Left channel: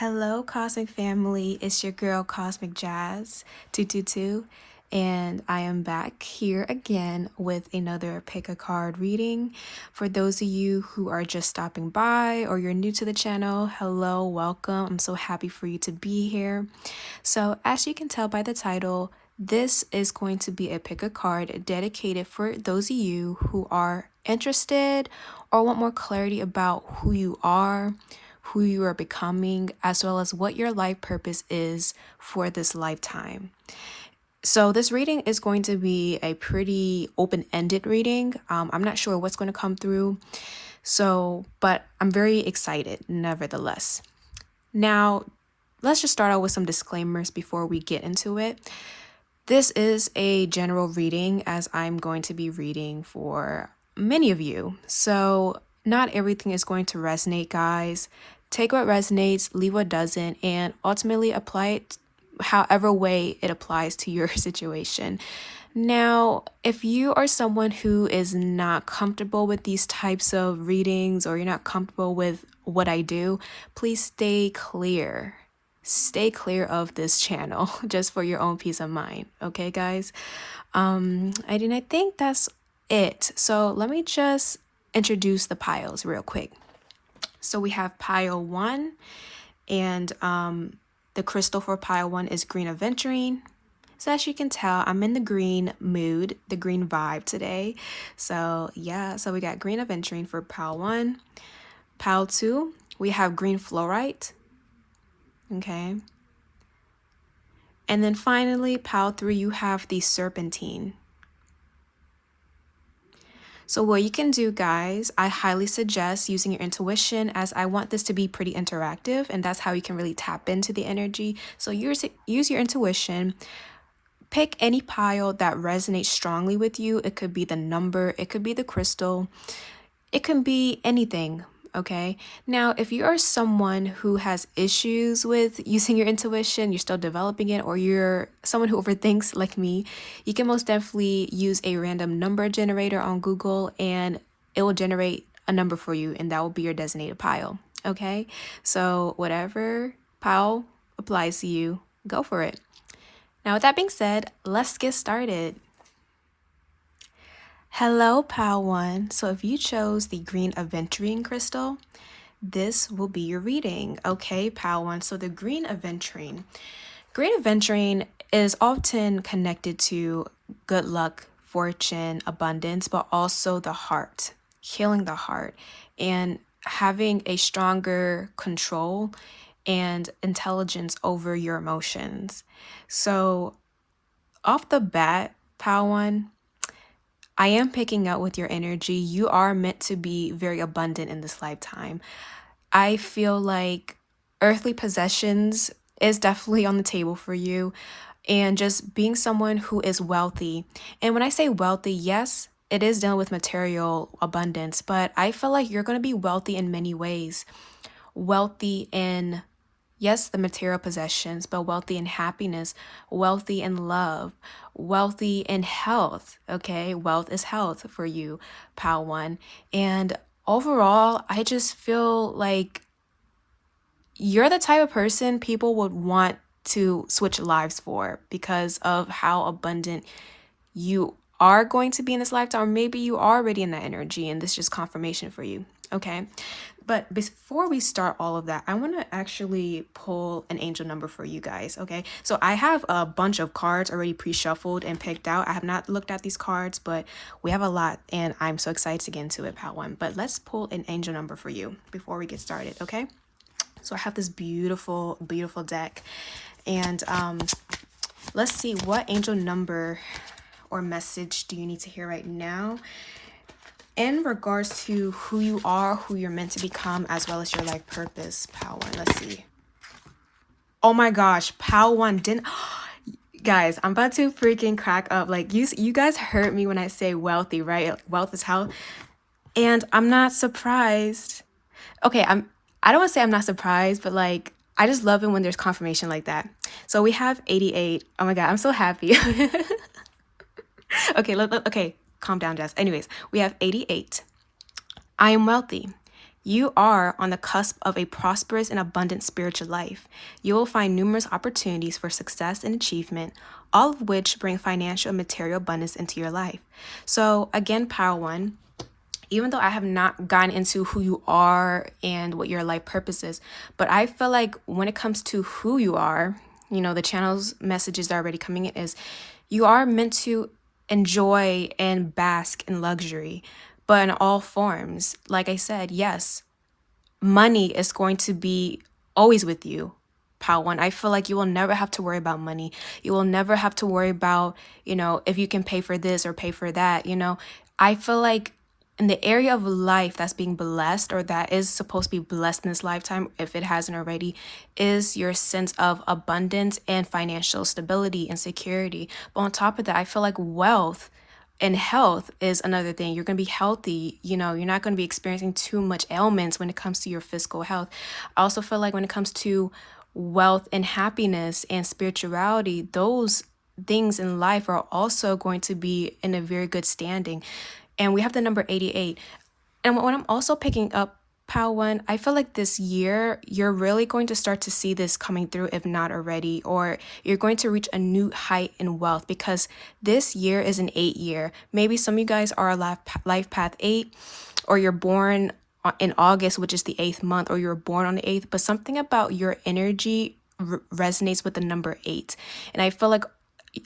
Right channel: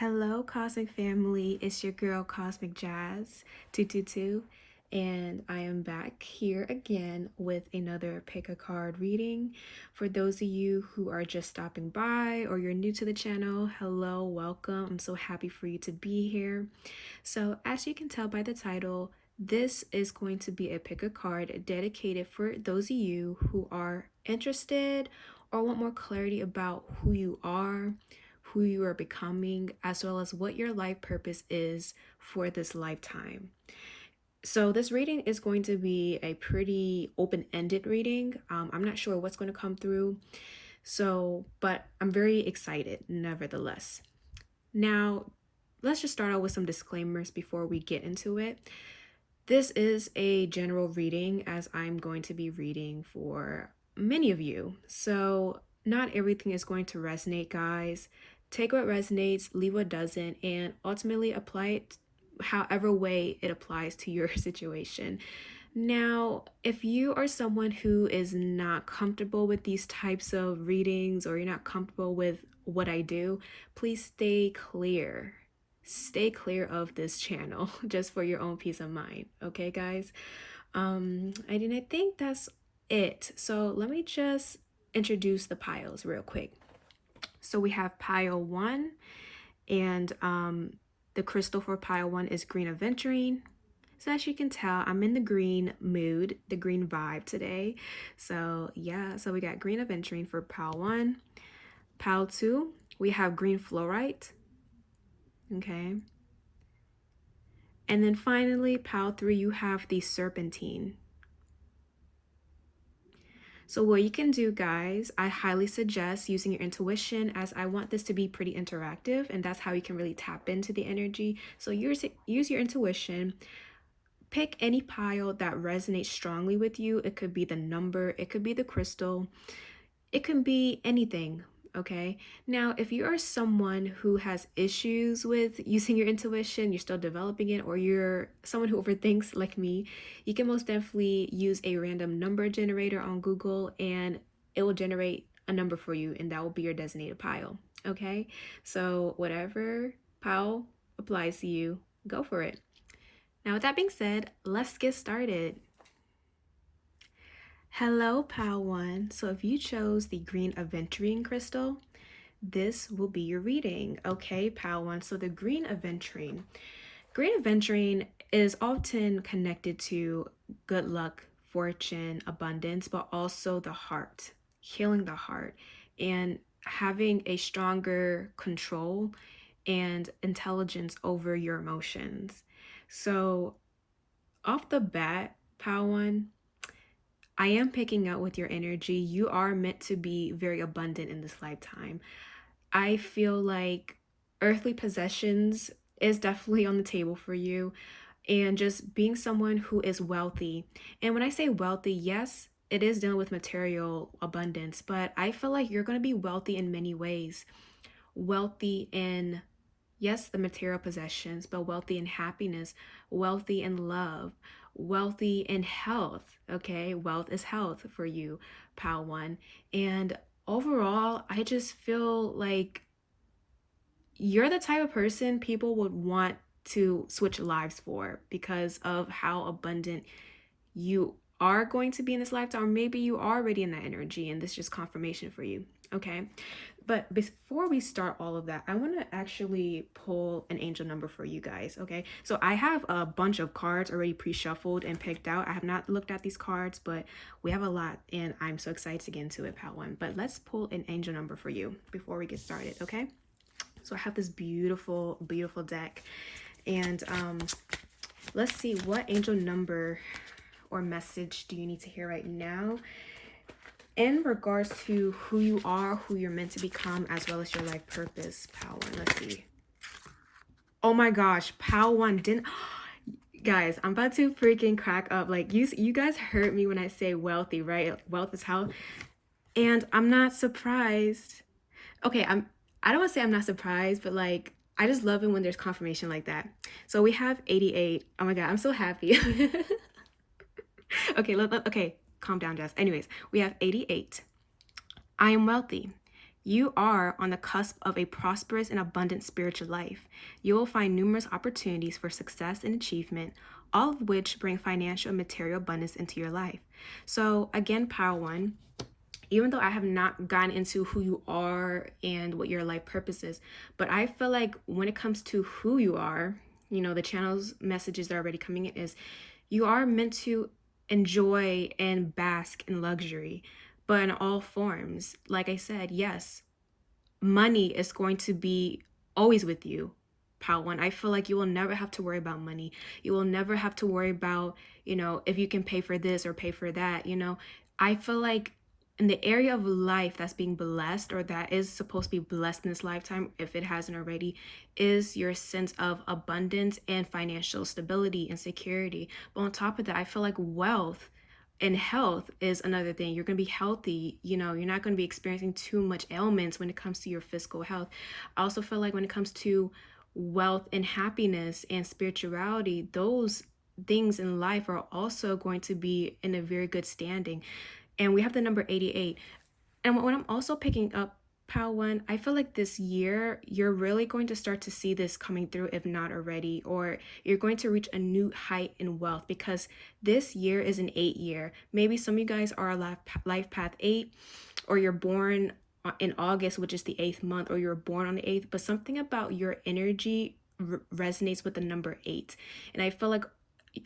Hello, Cosmic Family. It's your girl, Cosmic Jazz 222, and I am back here again with another pick a card reading. For those of you who are just stopping by or you're new to the channel, hello, welcome. I'm so happy for you to be here. So, as you can tell by the title, this is going to be a pick a card dedicated for those of you who are interested or want more clarity about who you are becoming, as well as what your life purpose is for this lifetime. So this reading is going to be a pretty open-ended reading. I'm not sure what's going to come through. But I'm very excited nevertheless. Now, let's just start out with some disclaimers before we get into it. This is a general reading as I'm going to be reading for many of you. So not everything is going to resonate, guys. Take what resonates, leave what doesn't, and ultimately apply it however way it applies to your situation. Now, if you are someone who is not comfortable with these types of readings or you're not comfortable with what I do, please stay clear. Stay clear of this channel just for your own peace of mind. Okay, guys? I think that's it. So let me just introduce the piles real quick. So we have pile 1, and the crystal for pile 1 is green aventurine. So as you can tell, I'm in the green mood, the green vibe today. So yeah, so we got green aventurine for pile 1. Pile 2, we have green fluorite. Okay. And then finally, pile 3, you have the serpentine. So what you can do, guys, I highly suggest using your intuition, as I want this to be pretty interactive, and that's how you can really tap into the energy. So use your intuition. Pick any pile that resonates strongly with you. It could be the number, it could be the crystal, it can be anything. Okay. Now, if you are someone who has issues with using your intuition, you're still developing it, or you're someone who overthinks like me, you can most definitely use a random number generator on Google and it will generate a number for you, and that will be your designated pile. Okay. So whatever pile applies to you, go for it. Now, with that being said, let's get started. Hello, pile 1. So if you chose the green aventurine crystal, this will be your reading. Okay, pile 1. So the green aventurine. Green aventurine is often connected to good luck, fortune, abundance, but also the heart, healing the heart, and having a stronger control and intelligence over your emotions. So off the bat, pile 1, I am picking up with your energy. You are meant to be very abundant in this lifetime. I feel like earthly possessions is definitely on the table for you, and just being someone who is wealthy. And when I say wealthy, yes, it is dealing with material abundance, but I feel like you're going to be wealthy in many ways. Wealthy in, yes, the material possessions, but wealthy in happiness, wealthy in love, wealthy in health. Okay, wealth is health for you, pile 1. And overall, I just feel like you're the type of person people would want to switch lives for because of how abundant you are going to be in this lifetime, or maybe you are already in that energy and this is just confirmation for you. Okay. But before we start all of that, I want to actually pull an angel number for you guys. Okay. So I have a bunch of cards already pre-shuffled and picked out. I have not looked at these cards, but we have a lot and I'm so excited to get into it, pal 1. But let's pull an angel number for you before we get started. Okay. So I have this beautiful, beautiful deck, and let's see, what angel number or message do you need to hear right now in regards to who you are, who you're meant to become, as well as your life purpose, pal 1. Let's see. Oh my gosh, pal 1 didn't. Guys, I'm about to freaking crack up. Like, you guys heard me when I say wealthy, right? Wealth is health. And I'm not surprised. Okay, I don't want to say I'm not surprised, but like, I just love it when there's confirmation like that. So we have 88. Oh my God, I'm so happy. Okay, okay, calm down, Jess. Anyways, we have 88. I am wealthy. You are on the cusp of a prosperous and abundant spiritual life. You will find numerous opportunities for success and achievement, all of which bring financial and material abundance into your life. So, again, Power One, even though I have not gotten into who you are and what your life purpose is, but I feel like when it comes to who you are, the channel's messages that are already coming in is you are meant to enjoy and bask in luxury, but in all forms. Like I said, yes, money is going to be always with you. Pal one, I feel like you will never have to worry about money. You will never have to worry about, if you can pay for this or pay for that. I feel like in the area of life that's being blessed or that is supposed to be blessed in this lifetime, if it hasn't already, is your sense of abundance and financial stability and security. But on top of that, I feel like wealth and health is another thing. You're going to be healthy. You're not going to be experiencing too much ailments when it comes to your physical health. I also feel like when it comes to wealth and happiness and spirituality, those things in life are also going to be in a very good standing. And we have the number 88. And what I'm also picking up, Pal One, I feel like this year you're really going to start to see this coming through, if not already, or you're going to reach a new height in wealth because this year is an 8 year. Maybe some of you guys are a life path 8, or you're born in August, which is the 8th month, or you're born on the 8th, but something about your energy resonates with the number 8. And I feel like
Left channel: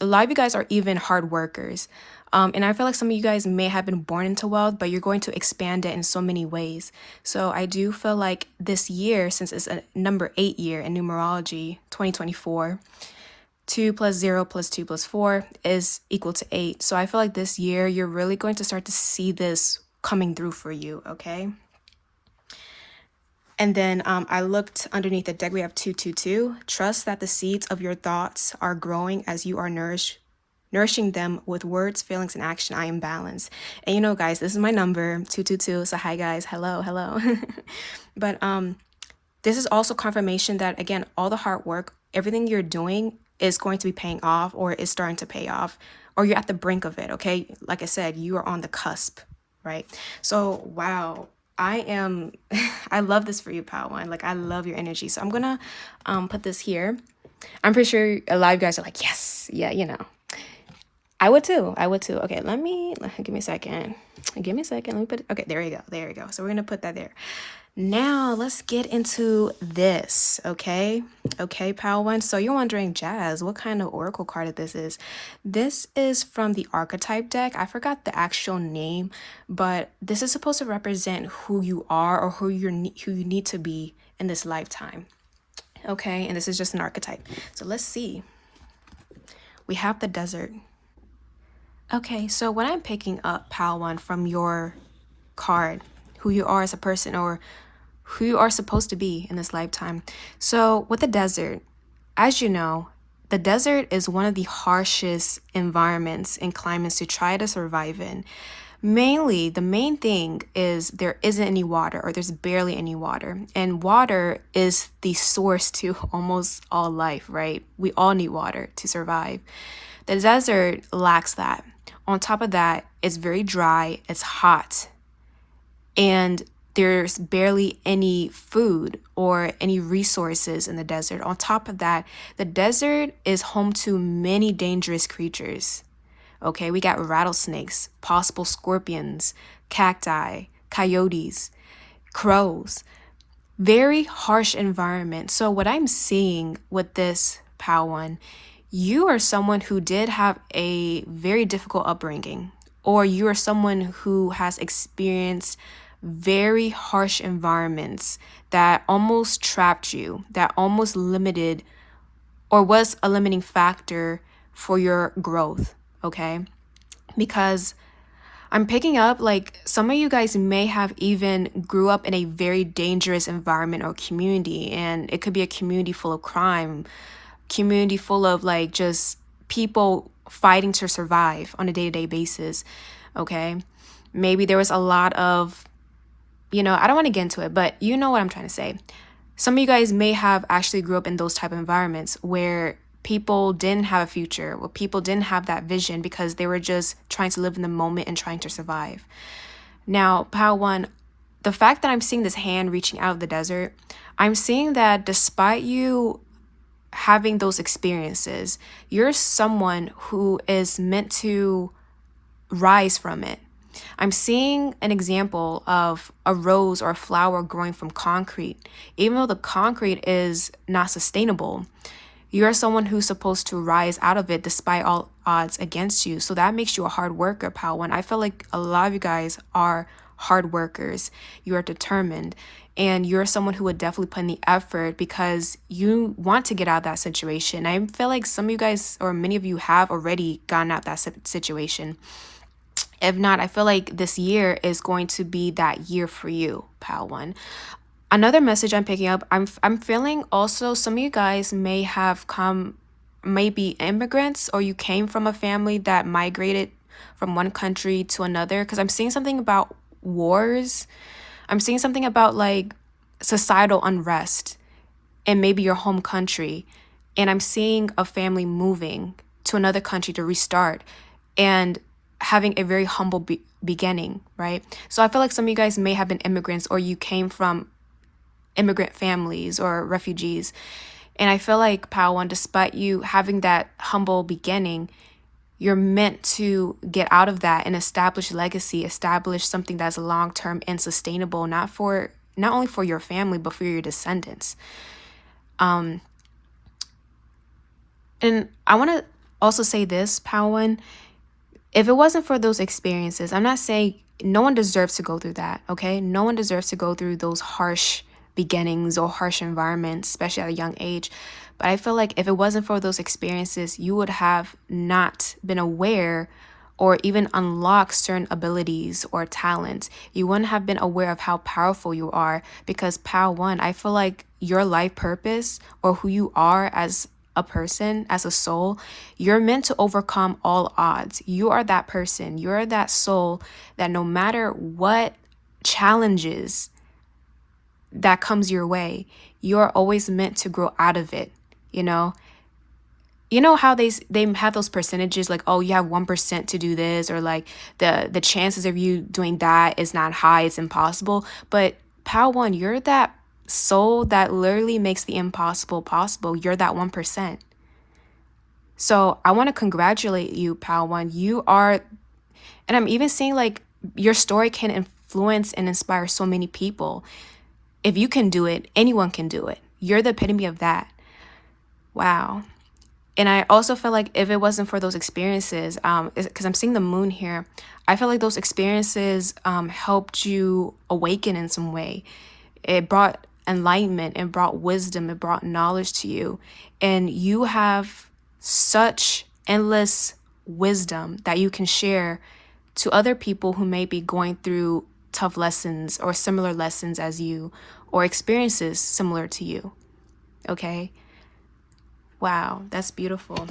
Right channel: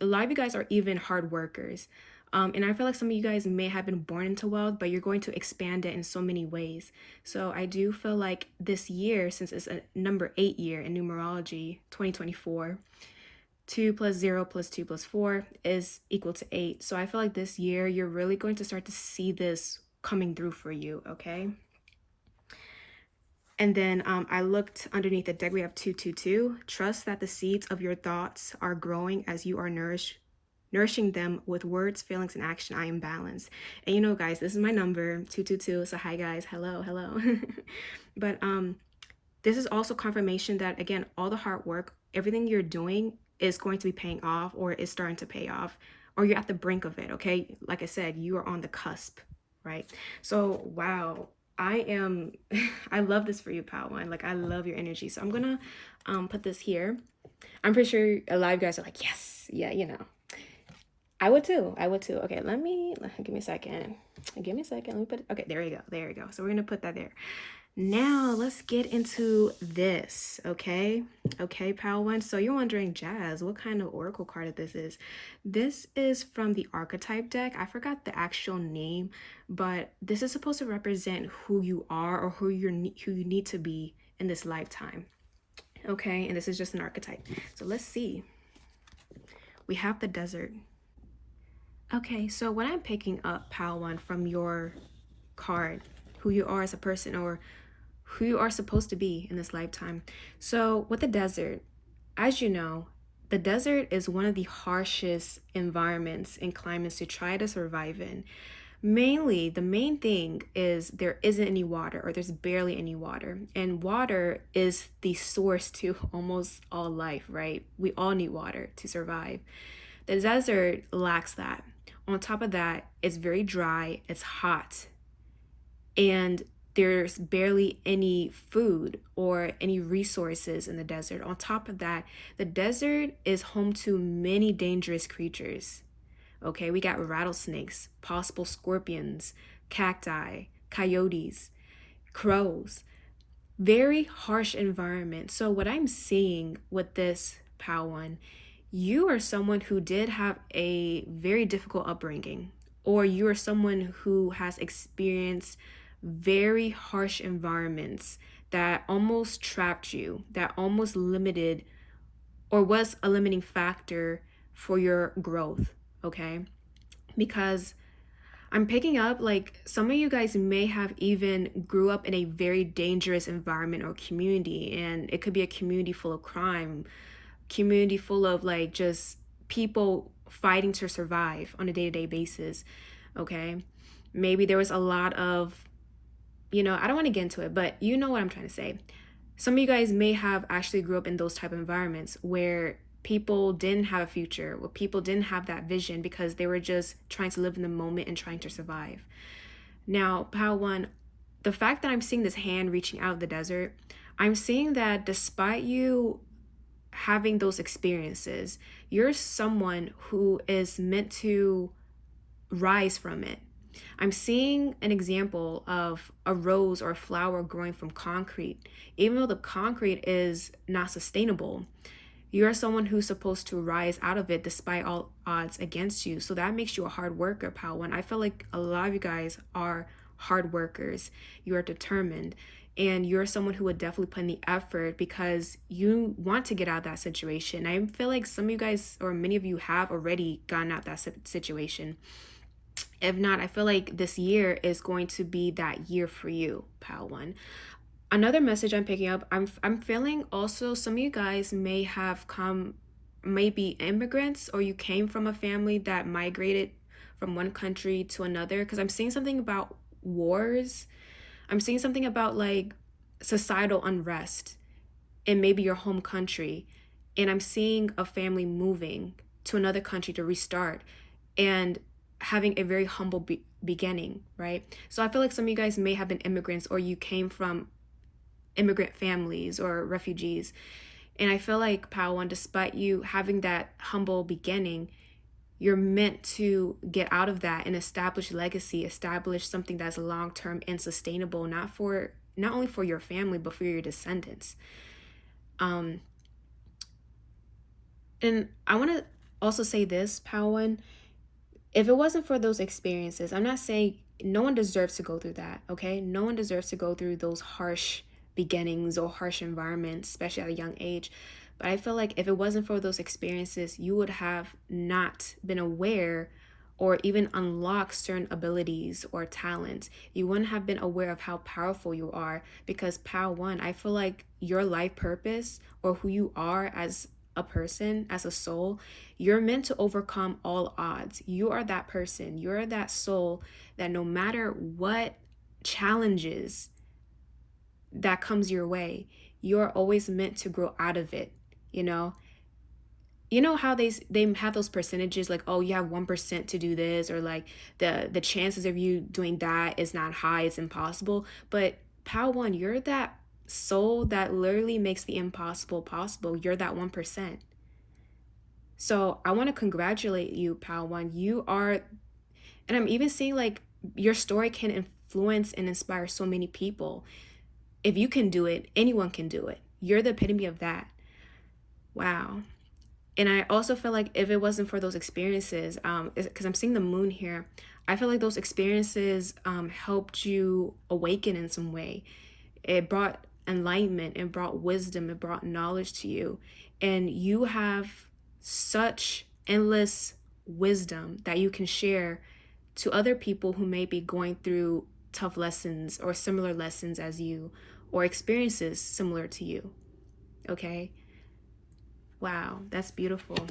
a lot of you guys are even hard workers. And I feel like some of you guys may have been born into wealth, but you're going to expand it in so many ways. So I do feel like this year, since it's a number 8 year in numerology, 2024, 2 plus 0 plus 2 plus 4 is equal to 8. So I feel like this year, you're really going to start to see this coming through for you, okay? And then I looked underneath the deck. We have 222. Trust that the seeds of your thoughts are growing as you are nourishing them with words, feelings, and action. I am balanced. And guys, this is my number, 222. So hi guys, hello. But this is also confirmation that, again, all the hard work, everything you're doing is going to be paying off or is starting to pay off, or you're at the brink of it, okay? Like I said, you are on the cusp, right? So, wow. I love this for you, Pal One. Like, I love your energy. So I'm gonna put this here. I'm pretty sure a lot of you guys are like, yes, yeah, I would too. Okay, give me a second. Let me put it. Okay, there you go. So we're going to put that there. Now let's get into this. Okay, Pal One. So you're wondering, Jazz, what kind of oracle card this is? This is from the archetype deck. I forgot the actual name, but this is supposed to represent who you are or who you need to be in this lifetime. Okay, and this is just an archetype. So let's see. We have the desert. Okay, so what I'm picking up, Pal One, from your card, who you are as a person or who you are supposed to be in this lifetime. So with the desert, as you know, the desert is one of the harshest environments and climates to try to survive in. Mainly, the main thing is there isn't any water or there's barely any water. And water is the source to almost all life, right? We all need water to survive. The desert lacks that. On top of that, it's very dry, it's hot, and there's barely any food or any resources in the desert. On top of that, the desert is home to many dangerous creatures. Okay, we got rattlesnakes, possible scorpions, cacti, coyotes, crows. Very harsh environment. So what I'm seeing with this, Pal One, you are someone who did have a very difficult upbringing, or you are someone who has experienced very harsh environments that almost trapped you, that almost limited or was a limiting factor for your growth, okay? Because I'm picking up like some of you guys may have even grew up in a very dangerous environment or community, and it could be a community full of crime, community full of like just people fighting to survive on a day-to-day basis, okay? Maybe there was a lot of, I don't want to get into it, but you know what I'm trying to say. Some of you guys may have actually grew up in those type of environments where people didn't have a future, where people didn't have that vision because they were just trying to live in the moment and trying to survive. Now, Pal One, the fact that I'm seeing this hand reaching out of the desert, I'm seeing that despite you having those experiences, you're someone who is meant to rise from it. I'm seeing an example of a rose or a flower growing from concrete. Even though the concrete is not sustainable, you are someone who's supposed to rise out of it despite all odds against you. So that makes you a hard worker, pal. One, I feel like a lot of you guys are hard workers. You are determined. And you're someone who would definitely put in the effort because you want to get out of that situation. I feel like some of you guys, or many of you, have already gotten out that situation. If not, I feel like this year is going to be that year for you, pal. One. Another message I'm picking up, I'm feeling also some of you guys may be immigrants, or you came from a family that migrated from one country to another, because I'm seeing something about wars. I'm seeing something about like societal unrest in maybe your home country. And I'm seeing a family moving to another country to restart and having a very humble beginning, right? So I feel like some of you guys may have been immigrants, or you came from immigrant families or refugees. And I feel like, pal, one, despite you having that humble beginning, you're meant to get out of that and establish legacy, establish something that's long-term and sustainable, not only for your family, but for your descendants. And I want to also say this, pal, one, if it wasn't for those experiences, I'm not saying no one deserves to go through that, okay? No one deserves to go through those harsh beginnings or harsh environments, especially at a young age. But I feel like if it wasn't for those experiences, you would have not been aware or even unlocked certain abilities or talents. You wouldn't have been aware of how powerful you are, because, pal, one, I feel like your life purpose, or who you are as a person, as a soul, you're meant to overcome all odds. You are that person. You're that soul that no matter what challenges that comes your way, you're always meant to grow out of it. You know how they have those percentages, like, oh, you have 1% to do this, or like the chances of you doing that is not high, it's impossible. But pal, one, you're that soul that literally makes the impossible possible. You're that 1%. So I want to congratulate you, pal, one. You are, and I'm even seeing like your story can influence and inspire so many people. If you can do it, anyone can do it. You're the epitome of that. Wow. And I also feel like if it wasn't for those experiences, because I'm seeing the moon here, I feel like those experiences helped you awaken in some way. It brought enlightenment, it brought wisdom, it brought knowledge to you. And you have such endless wisdom that you can share to other people who may be going through tough lessons or similar lessons as you, or experiences similar to you. Okay? Wow, that's beautiful.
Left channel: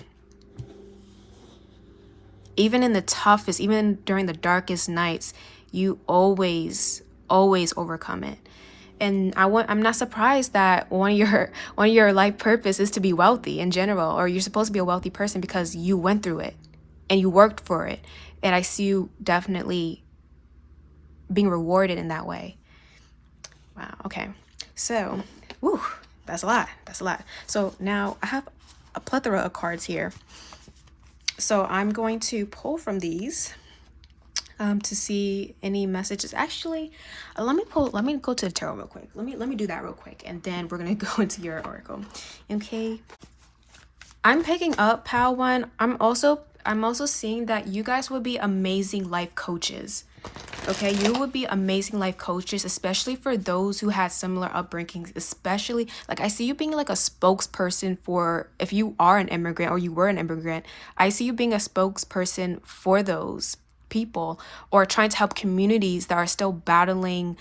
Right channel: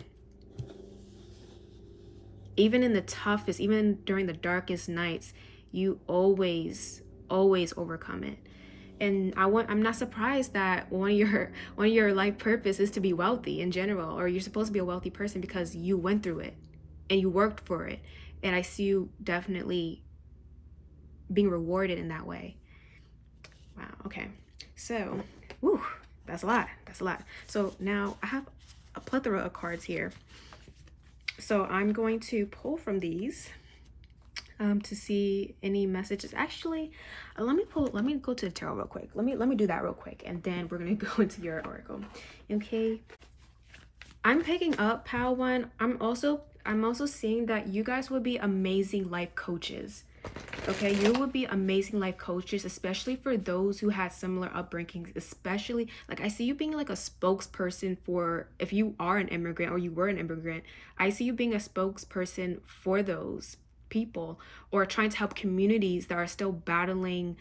Even in the toughest, even during the darkest nights, you always overcome it. And I'm not surprised that one of your life purpose is to be wealthy in general, or you're supposed to be a wealthy person because you went through it and you worked for it. And I see you definitely being rewarded in that way. Wow. Okay. So, that's a lot. So now I have a plethora of cards here. So I'm going to pull from these to see any messages. Actually, let me go to the tarot real quick. Let me do that real quick, and then we're gonna go into your oracle. Okay. I'm picking up, pal, one. I'm also seeing that you guys would be amazing life coaches. Okay, you would be amazing life coaches, especially for those who had similar upbringings. Especially, like, I see you being like a spokesperson for, if you are an immigrant or you were an immigrant, I see you being a spokesperson for those people, or trying to help communities that are still battling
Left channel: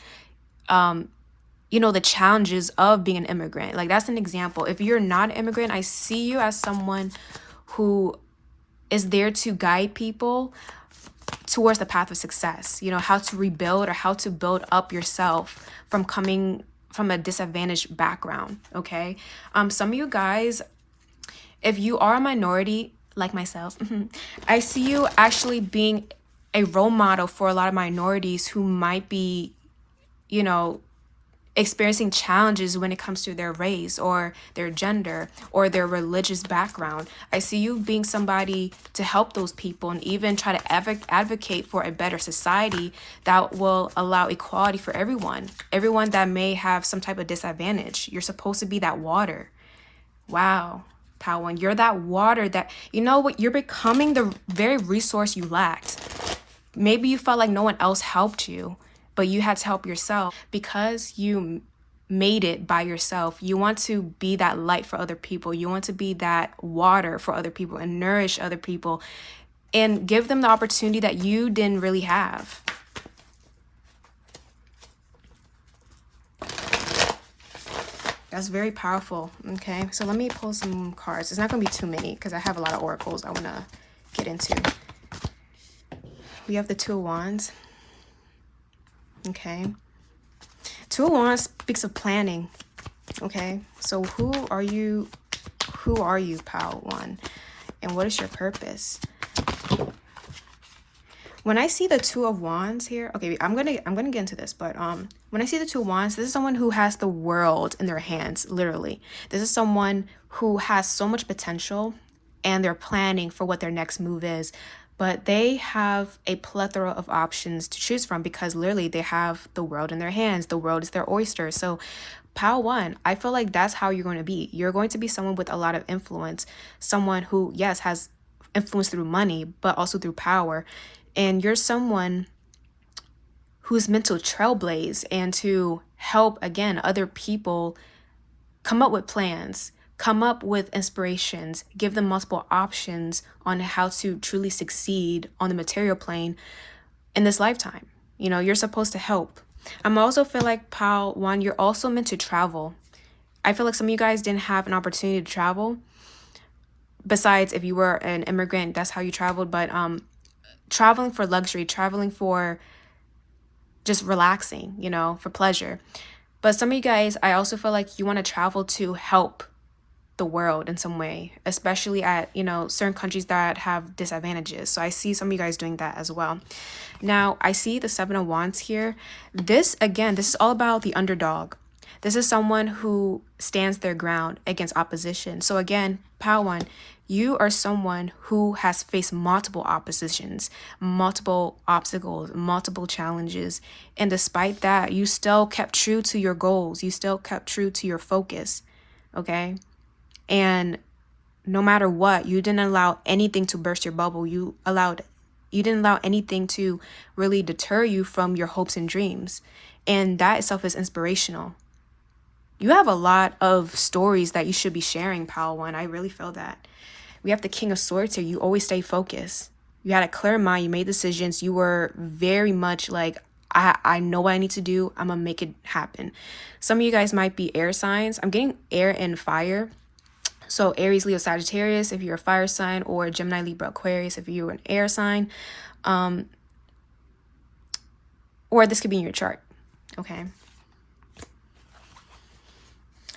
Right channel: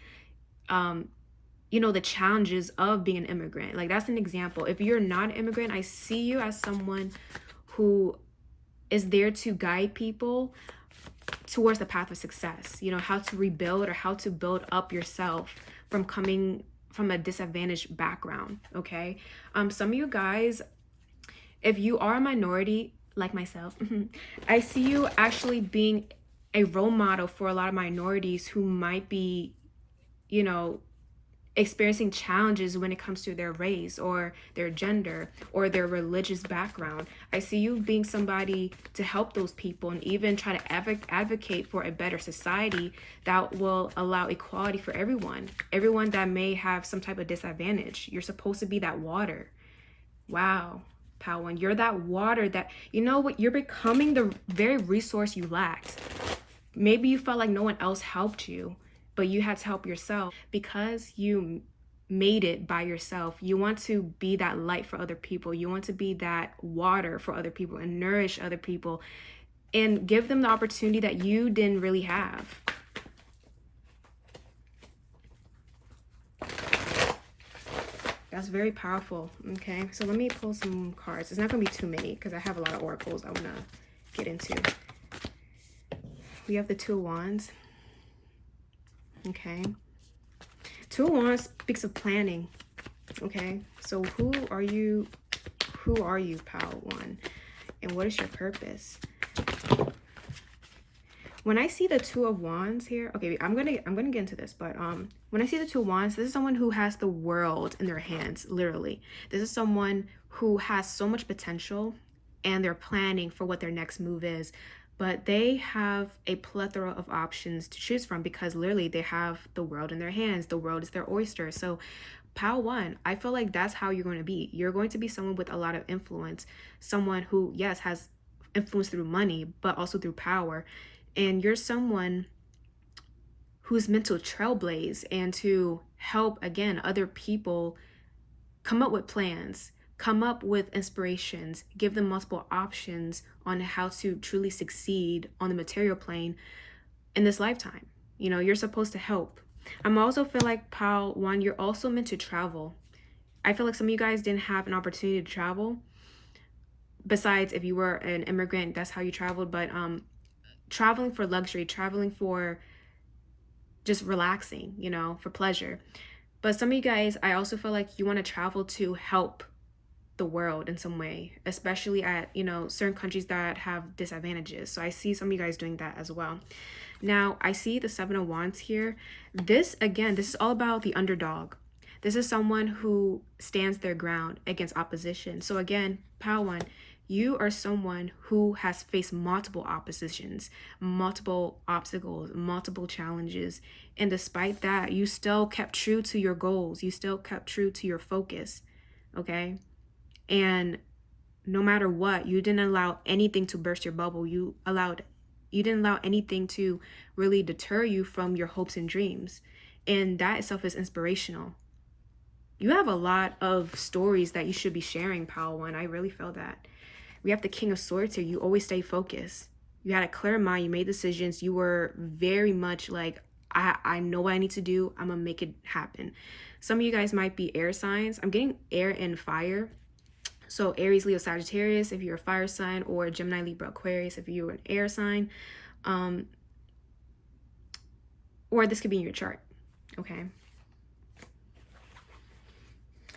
the challenges of being an immigrant. Like, that's an example. If you're not an immigrant, I see you as someone who is there to guide people towards the path of success. How to rebuild, or how to build up yourself from coming from a disadvantaged background. Okay. Some of you guys, if you are a minority like myself, I see you actually being a role model for a lot of minorities who might be you know, experiencing challenges when it comes to their race or their gender or their religious background. I see you being somebody to help those people and even try to advocate for a better society that will allow equality for everyone that may have some type of disadvantage. You're supposed to be that water. Wow. Pawan, you're that water that, you know what, you're becoming the very resource you lacked. Maybe you felt like no one else helped you, but you had to help yourself because you made it by yourself. You want to be that light for other people. You want to be that water for other people and nourish other people and give them the opportunity that you didn't really have. That's very powerful. Okay, so let me pull some cards. It's not going to be too many because I have a lot of oracles I want to get into. We have the Two of Wands. Okay. Two of Wands speaks of planning. Okay. So who are you, Pal One? And what is your purpose? When I see the Two of Wands here, okay, I'm gonna get into this, but when I see the Two of Wands, this is someone who has the world in their hands, literally. This is someone who has so much potential and they're planning for what their next move is, but they have a plethora of options to choose from because literally they have the world in their hands. The world is their oyster. So Pal One, I feel like that's how you're going to be. You're going to be someone with a lot of influence, someone who, yes, has influence through money, but also through power. And you're someone who's meant to trailblaze and to help, again, other people come up with plans, come up with inspirations, give them multiple options on how to truly succeed on the material plane in this lifetime. You know, you're supposed to help. I'm also feel like, Pal One, you're also meant to travel. I feel like some of you guys didn't have an opportunity to travel. Besides, if you were an immigrant, that's how you traveled. But traveling for luxury, traveling for just relaxing, you know, for pleasure. But some of you guys, I also feel like you want to travel to help the world in some way, especially at, you know, certain countries that have disadvantages. So I see some of you guys doing that as well. Now, I see the Seven of Wands here. This, again, this is all about the underdog. This is someone who stands their ground against opposition. So again, Pal One, you are someone who has faced multiple oppositions, multiple obstacles, multiple challenges. And despite that, you still kept true to your goals. You still kept true to your focus. Okay. And no matter what, you didn't allow anything to burst your bubble. You didn't allow anything to really deter you from your hopes and dreams. And that itself is inspirational. You have a lot of stories that you should be sharing, Pal One. I really feel that. We have the King of Swords here. You always stay focused. You had a clear mind. You made decisions. You were very much like, I know what I need to do. I'm going to make it happen. Some of you guys might be air signs. I'm getting air and fire. So Aries, Leo, Sagittarius, if you're a fire sign, or Gemini, Libra, Aquarius, if you're an air sign. Or this could be in your chart. Okay.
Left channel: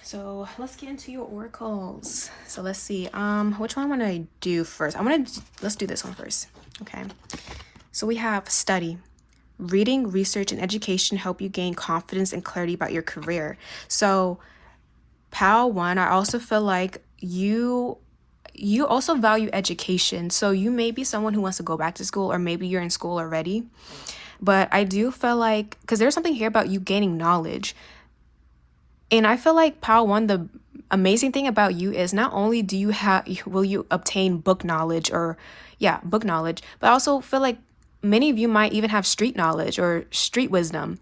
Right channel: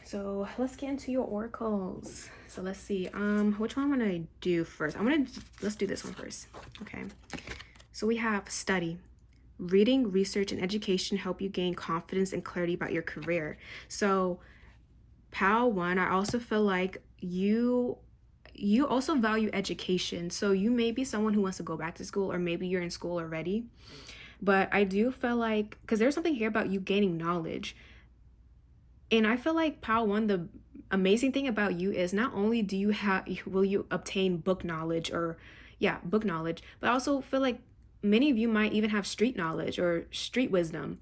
So let's get into your oracles. So let's see. Which one want I do first? Let's do this one first. Okay. So we have study. Reading, research, and education help you gain confidence and clarity about your career. So Pal One, I also feel like you also value education. So you may be someone who wants to go back to school, or maybe you're in school already. But I do feel like, because there's something here about you gaining knowledge. And I feel like, Pal One, the amazing thing about you is not only will you obtain book knowledge, but I also feel like many of you might even have street knowledge or street wisdom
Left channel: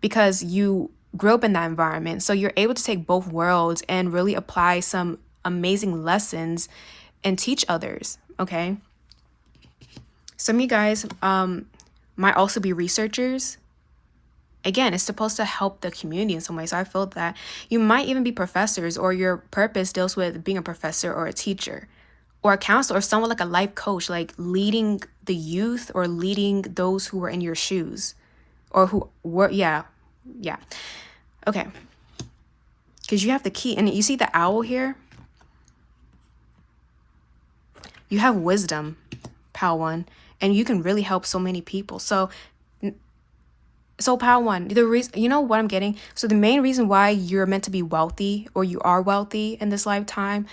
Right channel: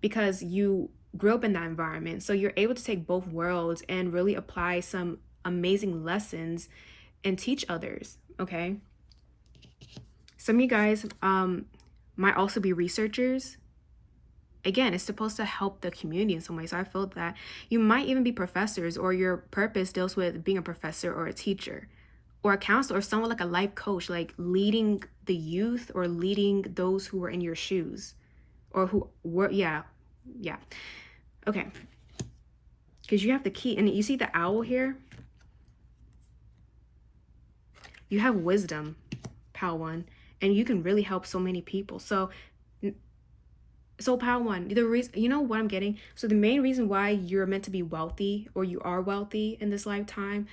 because you grew up in that environment. So you're able to take both worlds and really apply some amazing lessons and teach others. Okay. Some of you guys might also be researchers. Again, it's supposed to help the community in some way. So I feel that you might even be professors, or your purpose deals with being a professor or a teacher or a counselor, or someone like a life coach, like leading the youth or leading those who were in your shoes or who were, yeah. Okay. Because you have the key, and you see the owl here. You have wisdom, Pal One, and you can really help so many people. So So Pal One, the reason, you know what I'm getting? So the main reason why you're meant to be wealthy, or you are wealthy in this lifetime,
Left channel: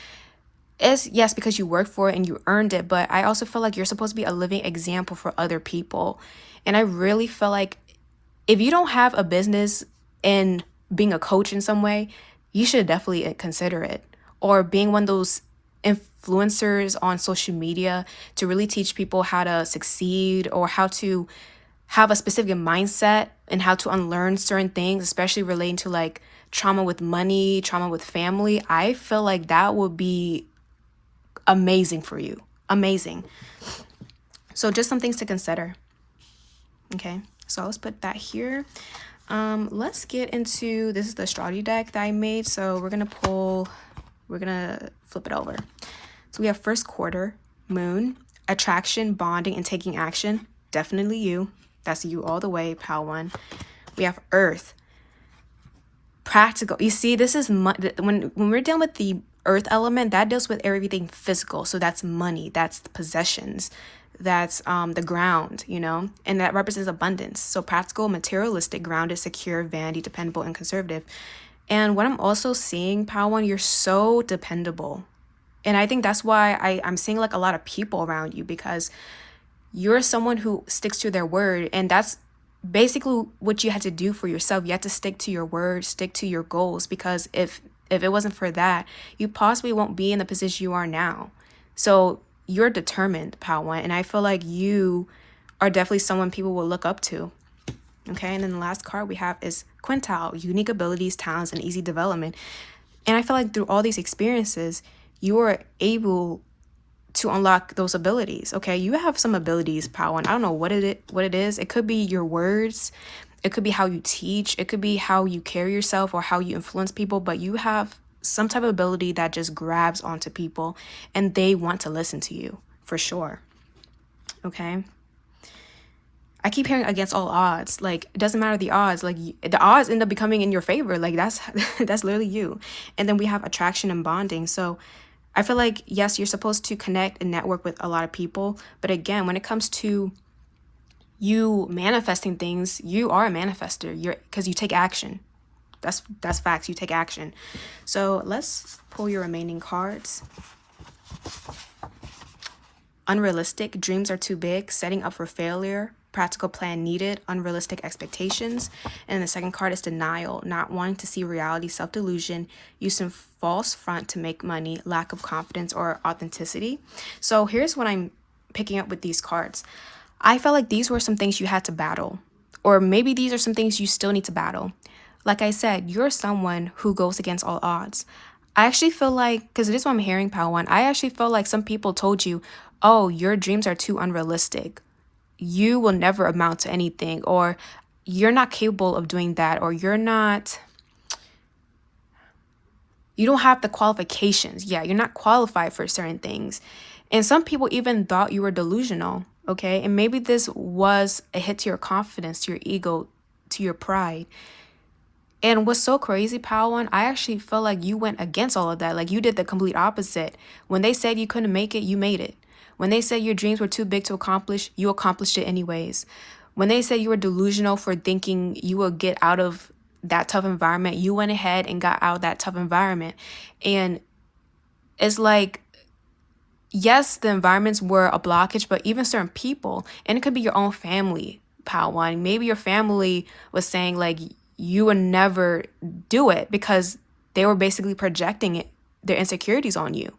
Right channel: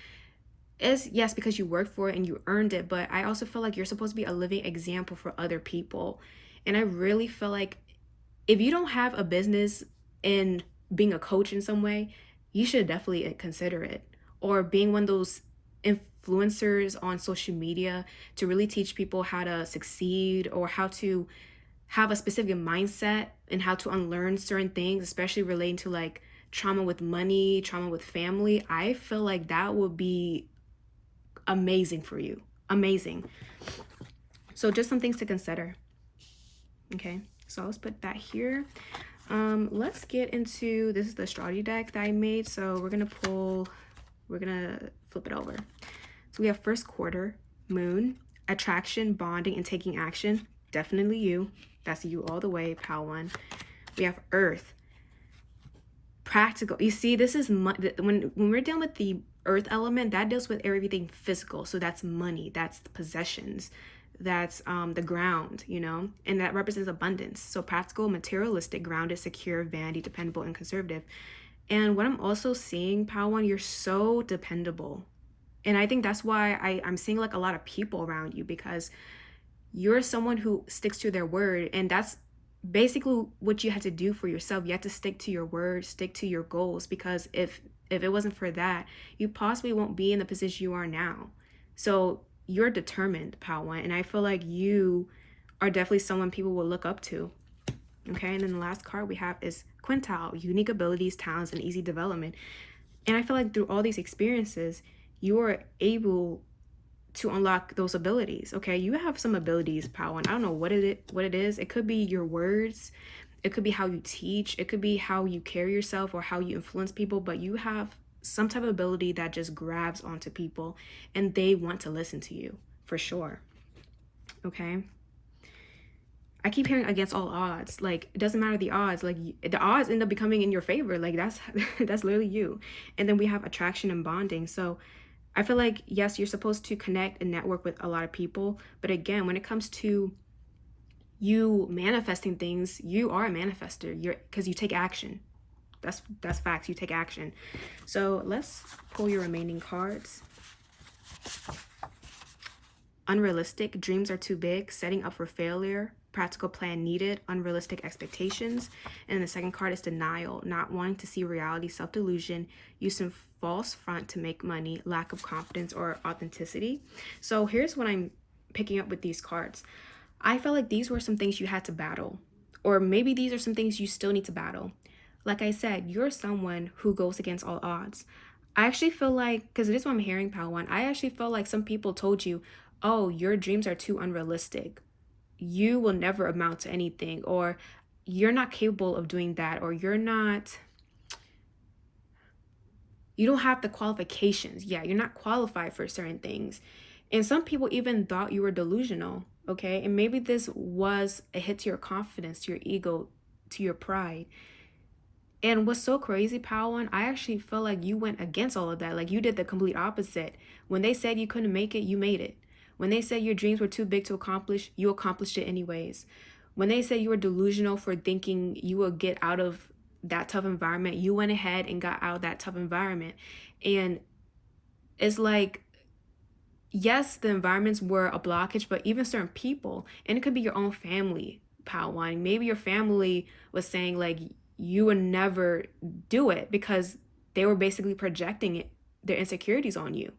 is, yes, because you worked for it and you earned it, but I also feel like you're supposed to be a living example for other people. And I really feel like if you don't have a business in being a coach in some way, you should definitely consider it. Or being one of those influencers on social media to really teach people how to succeed, or how to have a specific mindset and how to unlearn certain things, especially relating to like trauma with money, trauma with family. I feel like that would be amazing for you. Amazing. So just some things to consider. Okay, so let's put that here. Let's get into, this is the astrology deck that I made. So we're gonna flip it over. So we have first quarter, moon, attraction, bonding, and taking action. Definitely you. That's you all the way, Pal One. We have earth, practical. You see, this is when we're dealing with the earth element, that deals with everything physical. So that's money, that's possessions, that's the ground, you know, and that represents abundance. So practical, materialistic, grounded, secure, vanity, dependable, and conservative. And what I'm also seeing, Pal One, you're so dependable. And I think that's why I'm seeing like a lot of people around you, because you're someone who sticks to their word. And that's basically what you had to do for yourself. You had to stick to your word, stick to your goals, because if it wasn't for that, you possibly won't be in the position you are now. So you're determined, Pal One, and I feel like you are definitely someone people will look up to. Okay, and then the last card we have is Quintile, unique abilities, talents, and easy development. And I feel like through all these experiences, you are able to unlock those abilities. Okay, you have some abilities, Pal One. I don't know what it is. It could be your words, it could be how you teach, it could be how you carry yourself or how you influence people, but you have some type of ability that just grabs onto people and they want to listen to you for sure. Okay, I keep hearing against all odds. Like, it doesn't matter the odds. Like, the odds end up becoming in your favor. Like, that's that's literally you. And then we have attraction and bonding. So I feel like, yes, you're supposed to connect and network with a lot of people. But again, when it comes to you manifesting things, you are a manifester. Because you take action. That's facts. You take action. So let's pull your remaining cards. Unrealistic, dreams are too big, setting up for failure, practical plan needed, unrealistic expectations. And the second card is denial, not wanting to see reality, self-delusion, using false front to make money, lack of confidence or authenticity. So here's what I'm picking up with these cards. I felt like these were some things you had to battle, or maybe these are some things you still need to battle. Like I said, you're someone who goes against all odds. I actually feel like, because it is what I'm hearing, Pal One, I actually feel like some people told you, oh, your dreams are too unrealistic. You will never amount to anything, or you're not capable of doing that, or you don't have the qualifications. Yeah, you're not qualified for certain things. And some people even thought you were delusional, okay? And maybe this was a hit to your confidence, to your ego, to your pride. And what's so crazy, Pal One, I actually felt like you went against all of that. Like, you did the complete opposite. When they said you couldn't make it, you made it. When they said your dreams were too big to accomplish, you accomplished it anyways. When they said you were delusional for thinking you would get out of that tough environment, you went ahead and got out of that tough environment. And it's like, yes, the environments were a blockage, but even certain people, and it could be your own family, Pal One. Maybe your family was saying like you would never do it because they were basically projecting their insecurities on you.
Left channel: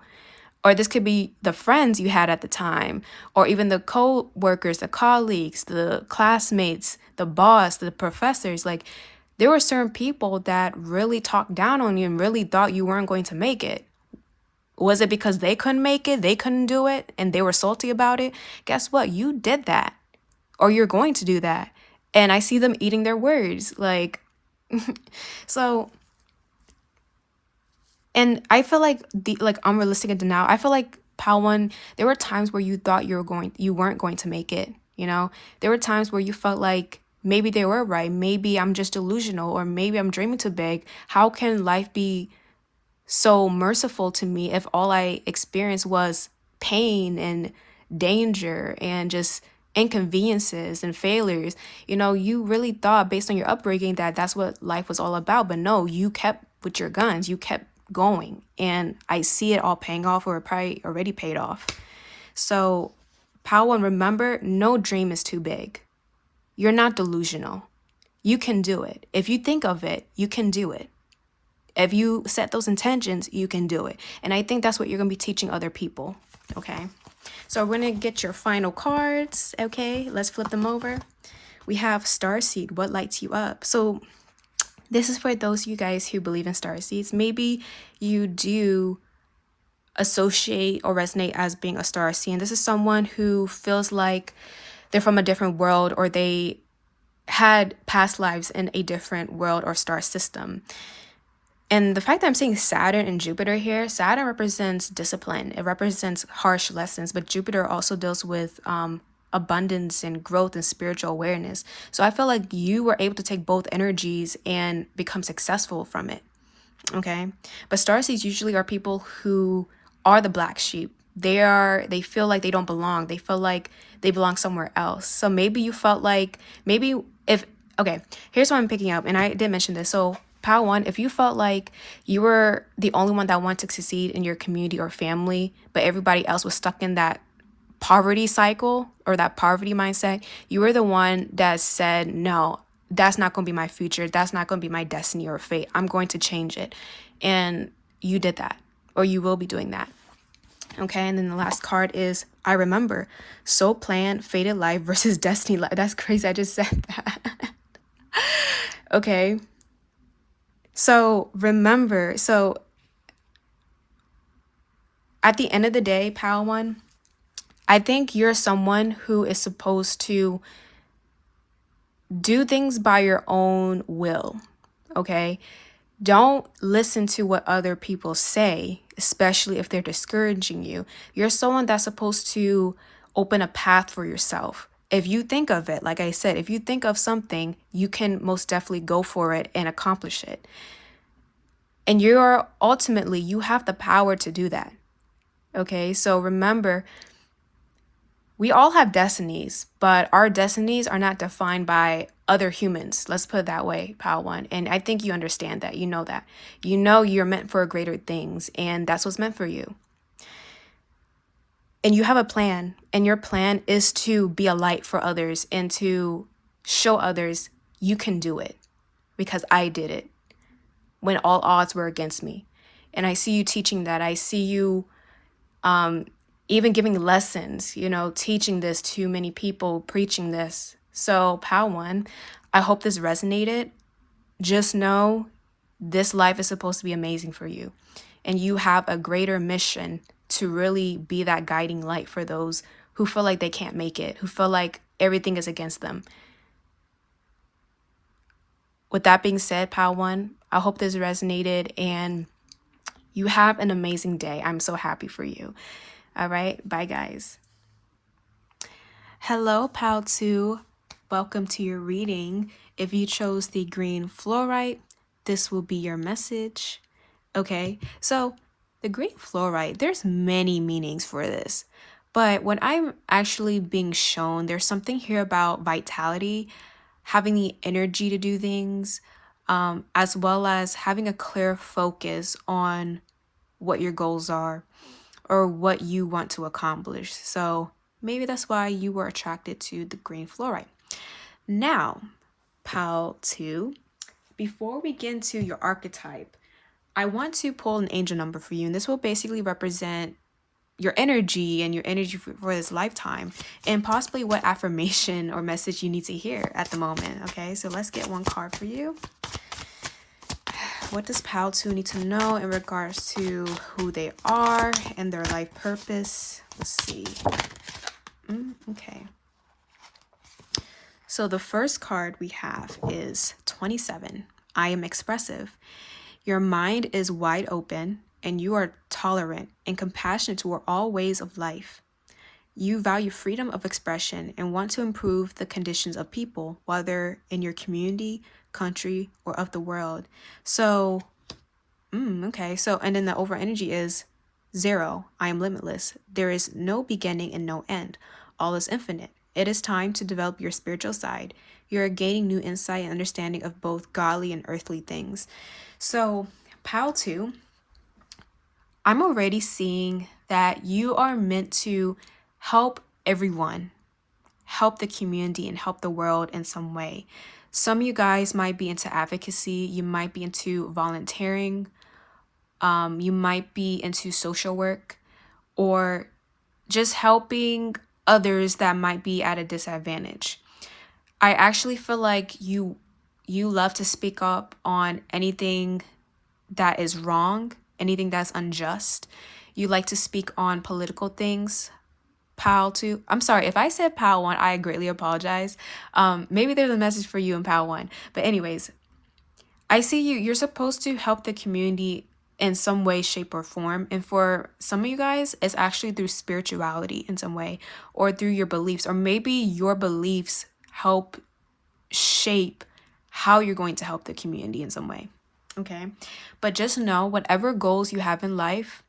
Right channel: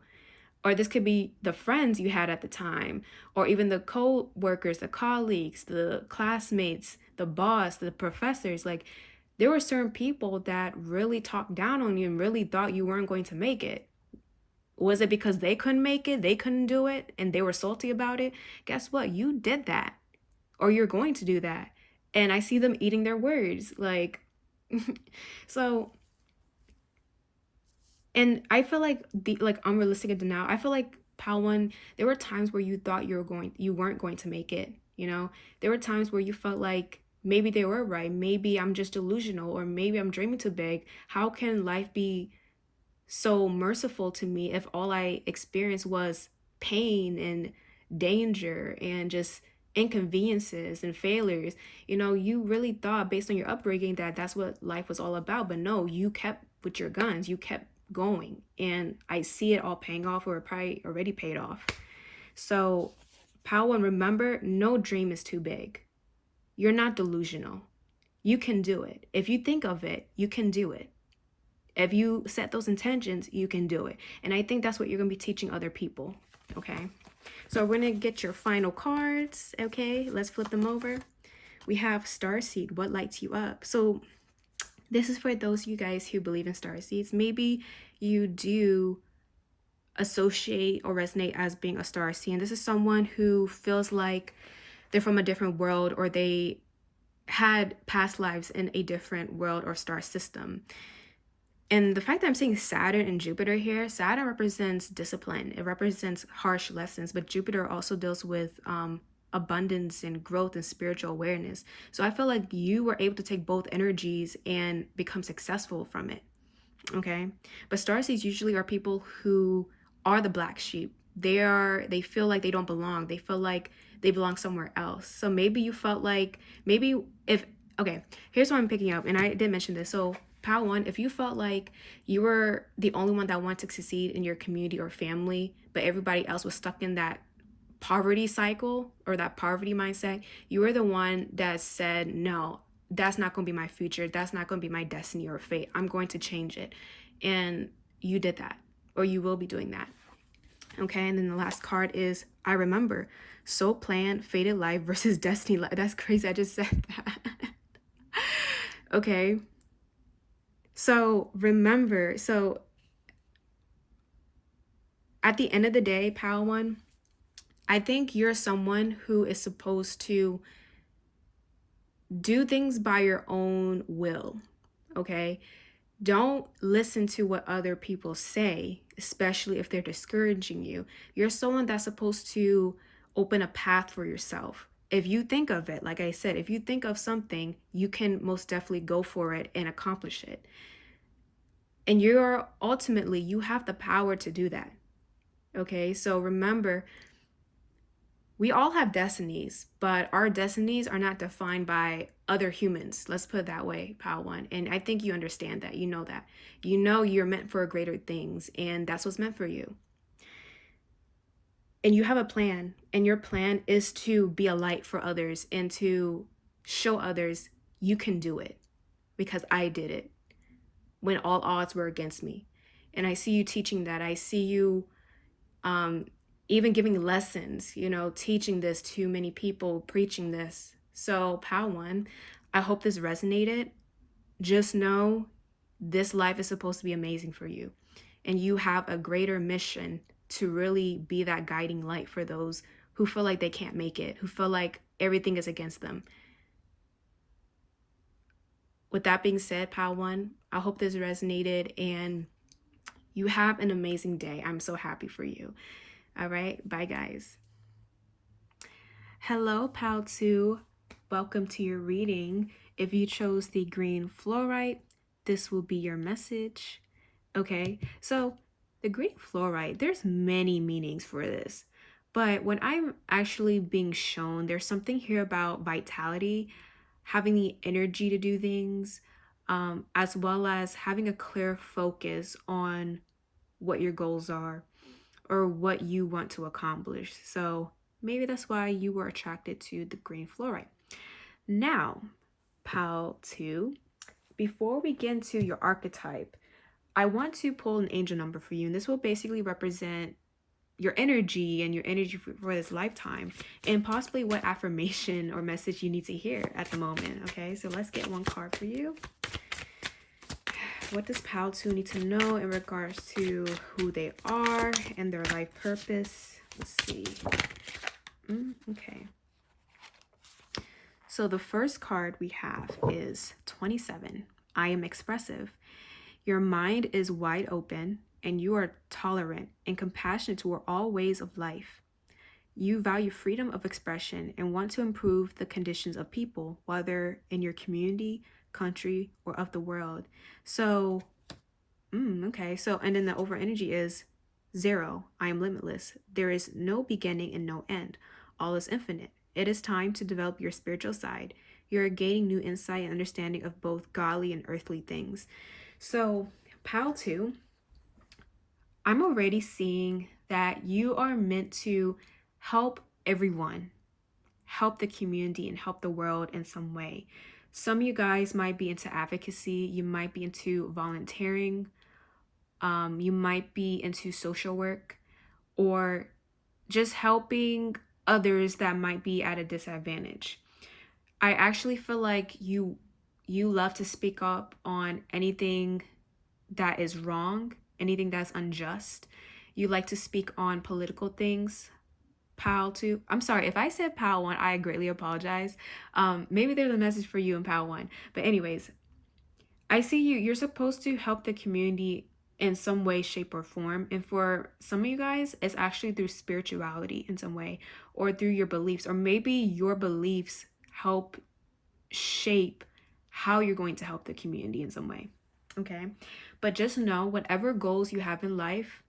Or this could be the friends you had at the time, or even the co-workers, the colleagues, the classmates, the boss, the professors. Like, there were certain people that really talked down on you and really thought you weren't going to make it. Was it because they couldn't make it, they couldn't do it, and they were salty about it? Guess what? You did that, or you're going to do that. And I see them eating their words. Like, so, and I feel like the unrealistic and denial. I feel like, Pal One, there were times where you thought you weren't going to make it. You know, there were times where you felt like maybe they were right. Maybe I'm just delusional, or maybe I'm dreaming too big. How can life be so merciful to me if all I experienced was pain and danger and just inconveniences and failures. You really thought based on your upbringing that that's what life was all about. But no, you kept with your guns. You kept going. And I see it all paying off, or it probably already paid off. So, Pile 1, remember, no dream is too big. You're not delusional. You can do it. If you think of it, you can do it. If you set those intentions, you can do it. And I think that's what you're going to be teaching other people. Okay. So we're going to get your final cards. Okay. Let's flip them over. We have Starseed. What lights you up? So this is for those of you guys who believe in starseeds. Maybe you do associate or resonate as being a starseed. And this is someone who feels like they're from a different world, or they had past lives in a different world or star system. And the fact that I'm seeing Saturn and Jupiter here, Saturn represents discipline. It represents harsh lessons, but Jupiter also deals with abundance and growth and spiritual awareness. So I feel like you were able to take both energies and become successful from it. Okay. But starseeds usually are people who are the black sheep. They feel like they don't belong. They feel like they belong somewhere else. So maybe you felt like, okay, here's what I'm picking up. And I did mention this. So Pile 1, if you felt like you were the only one that wanted to succeed in your community or family, but everybody else was stuck in that poverty cycle or that poverty mindset, you were the one that said, no, that's not going to be my future. That's not going to be my destiny or fate. I'm going to change it. And you did that, or you will be doing that. Okay. And then the last card is I remember. Soul plan, fated life versus destiny life. That's crazy. I just said that. Okay. So remember, at the end of the day, Pile 1, I think you're someone who is supposed to do things by your own will. Okay. Don't listen to what other people say, especially if they're discouraging you. You're someone that's supposed to open a path for yourself. If you think of it, like I said, if you think of something, you can most definitely go for it and accomplish it. And you have the power to do that. Okay, so remember, we all have destinies, but our destinies are not defined by other humans. Let's put it that way, Pile 1. And I think you understand that. You know that. You know you're meant for greater things, and that's what's meant for you. And you have a plan, and your plan is to be a light for others and to show others you can do it, because I did it when all odds were against me. And I see you teaching that. I see you even giving lessons, teaching this to many people, preaching this. So Pile 1, I hope this resonated. Just know this life is supposed to be amazing for you. And you have a greater mission to really be that guiding light for those who feel like they can't make it, who feel like everything is against them. With that being said, Pile 1, I hope this resonated and you have an amazing day. I'm so happy for you. All right. Bye, guys. Hello, Pile 2. Welcome to your reading. If you chose the green fluorite, this will be your message. Okay. So the green fluorite, there's many meanings for this. But when I'm actually being shown, there's something here about vitality, having the energy to do things, as well as having a clear focus on what your goals are or what you want to accomplish. So maybe that's why you were attracted to the green fluorite. Now, Pile 2, before we get into your archetype, I want to pull an angel number for you. And this will basically represent your energy and your energy for this lifetime, and possibly what affirmation or message you need to hear at the moment. Okay, so let's get one card for you. What does Pile 2 need to know in regards to who they are and their life purpose? Let's see. Okay. So the first card we have is 27. I am expressive. Your mind is wide open and you are tolerant and compassionate toward all ways of life. You value freedom of expression and want to improve the conditions of people, whether in your community, country, or of the world. So, okay. So, and then the overall energy is 0. I am limitless. There is no beginning and no end. All is infinite. It is time to develop your spiritual side. You're gaining new insight and understanding of both godly and earthly things. So, Pile 2, I'm already seeing that you are meant to help everyone, help the community, and help the world in some way. Some of you guys might be into advocacy, you might be into volunteering, you might be into social work, or just helping others that might be at a disadvantage. I actually feel like you love to speak up on anything that is wrong, anything that's unjust. You like to speak on political things. Pal 2. I'm sorry if I said Pal 1, I greatly apologize. Maybe there's a message for you in Pal 1. But anyways, I see you're supposed to help the community in some way, shape, or form. And for some of you guys, it's actually through spirituality in some way, or through your beliefs, or maybe your beliefs help shape how you're going to help the community in some way. Okay. But just know whatever goals you have in life,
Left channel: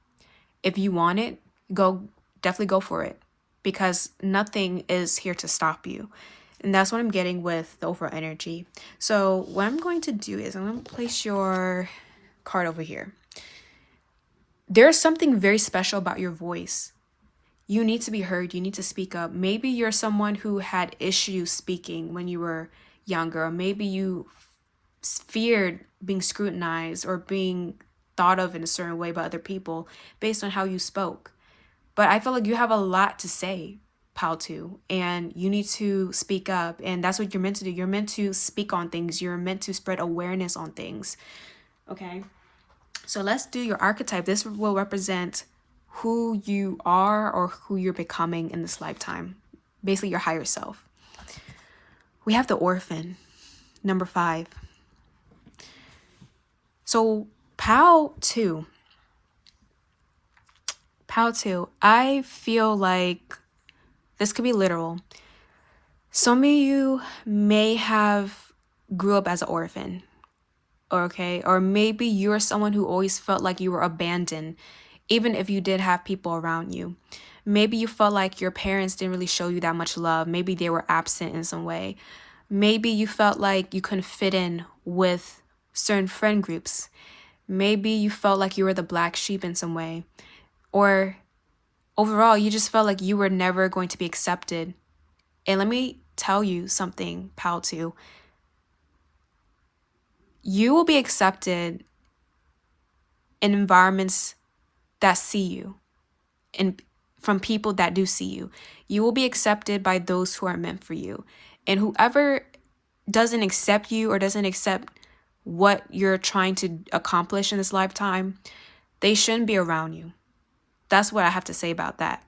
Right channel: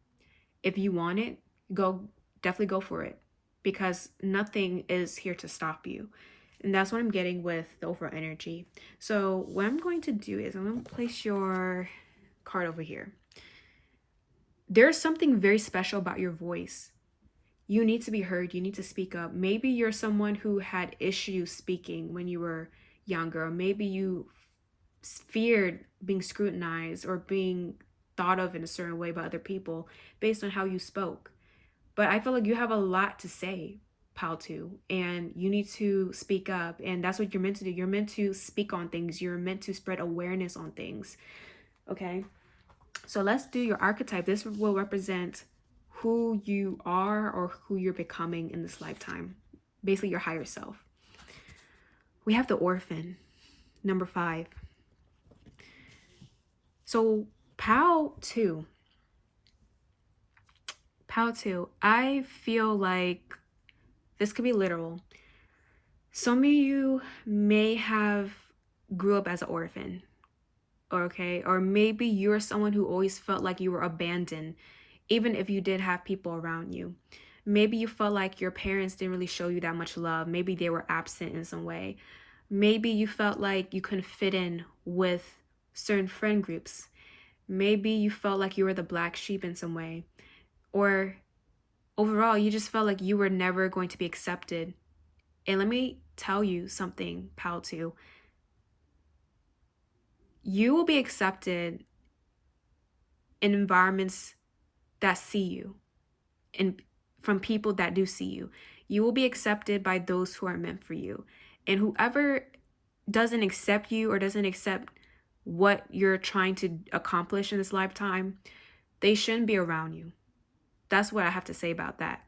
if you want it, definitely go for it, because nothing is here to stop you. And that's what I'm getting with the overall energy. So what I'm going to do is I'm going to place your card over here. There's something very special about your voice. You need to be heard. You need to speak up. Maybe you're someone who had issues speaking when you were younger, or maybe you feared being scrutinized or being thought of in a certain way by other people based on how you spoke. But I feel like you have a lot to say, Pal 2, and you need to speak up. And that's what you're meant to do. You're meant to speak on things. You're meant to spread awareness on things. Okay. So let's do your archetype. This will represent who you are or who you're becoming in this lifetime. Basically, your higher self. We have the orphan, number 5. So Pal 2, I feel like this could be literal. Some of you may have grew up as an orphan, okay? Or maybe you're someone who always felt like you were abandoned, even if you did have people around you. Maybe you felt like your parents didn't really show you that much love. Maybe they were absent in some way. Maybe you felt like you couldn't fit in with certain friend groups. Maybe you felt like you were the black sheep in some way. Or overall, you just felt like you were never going to be accepted. And let me tell you something, Pal 2. You will be accepted in environments that see you and from people that do see you. You will be accepted by those who are meant for you. And whoever doesn't accept you or doesn't accept what you're trying to accomplish in this lifetime, they shouldn't be around you. That's what I have to say about that.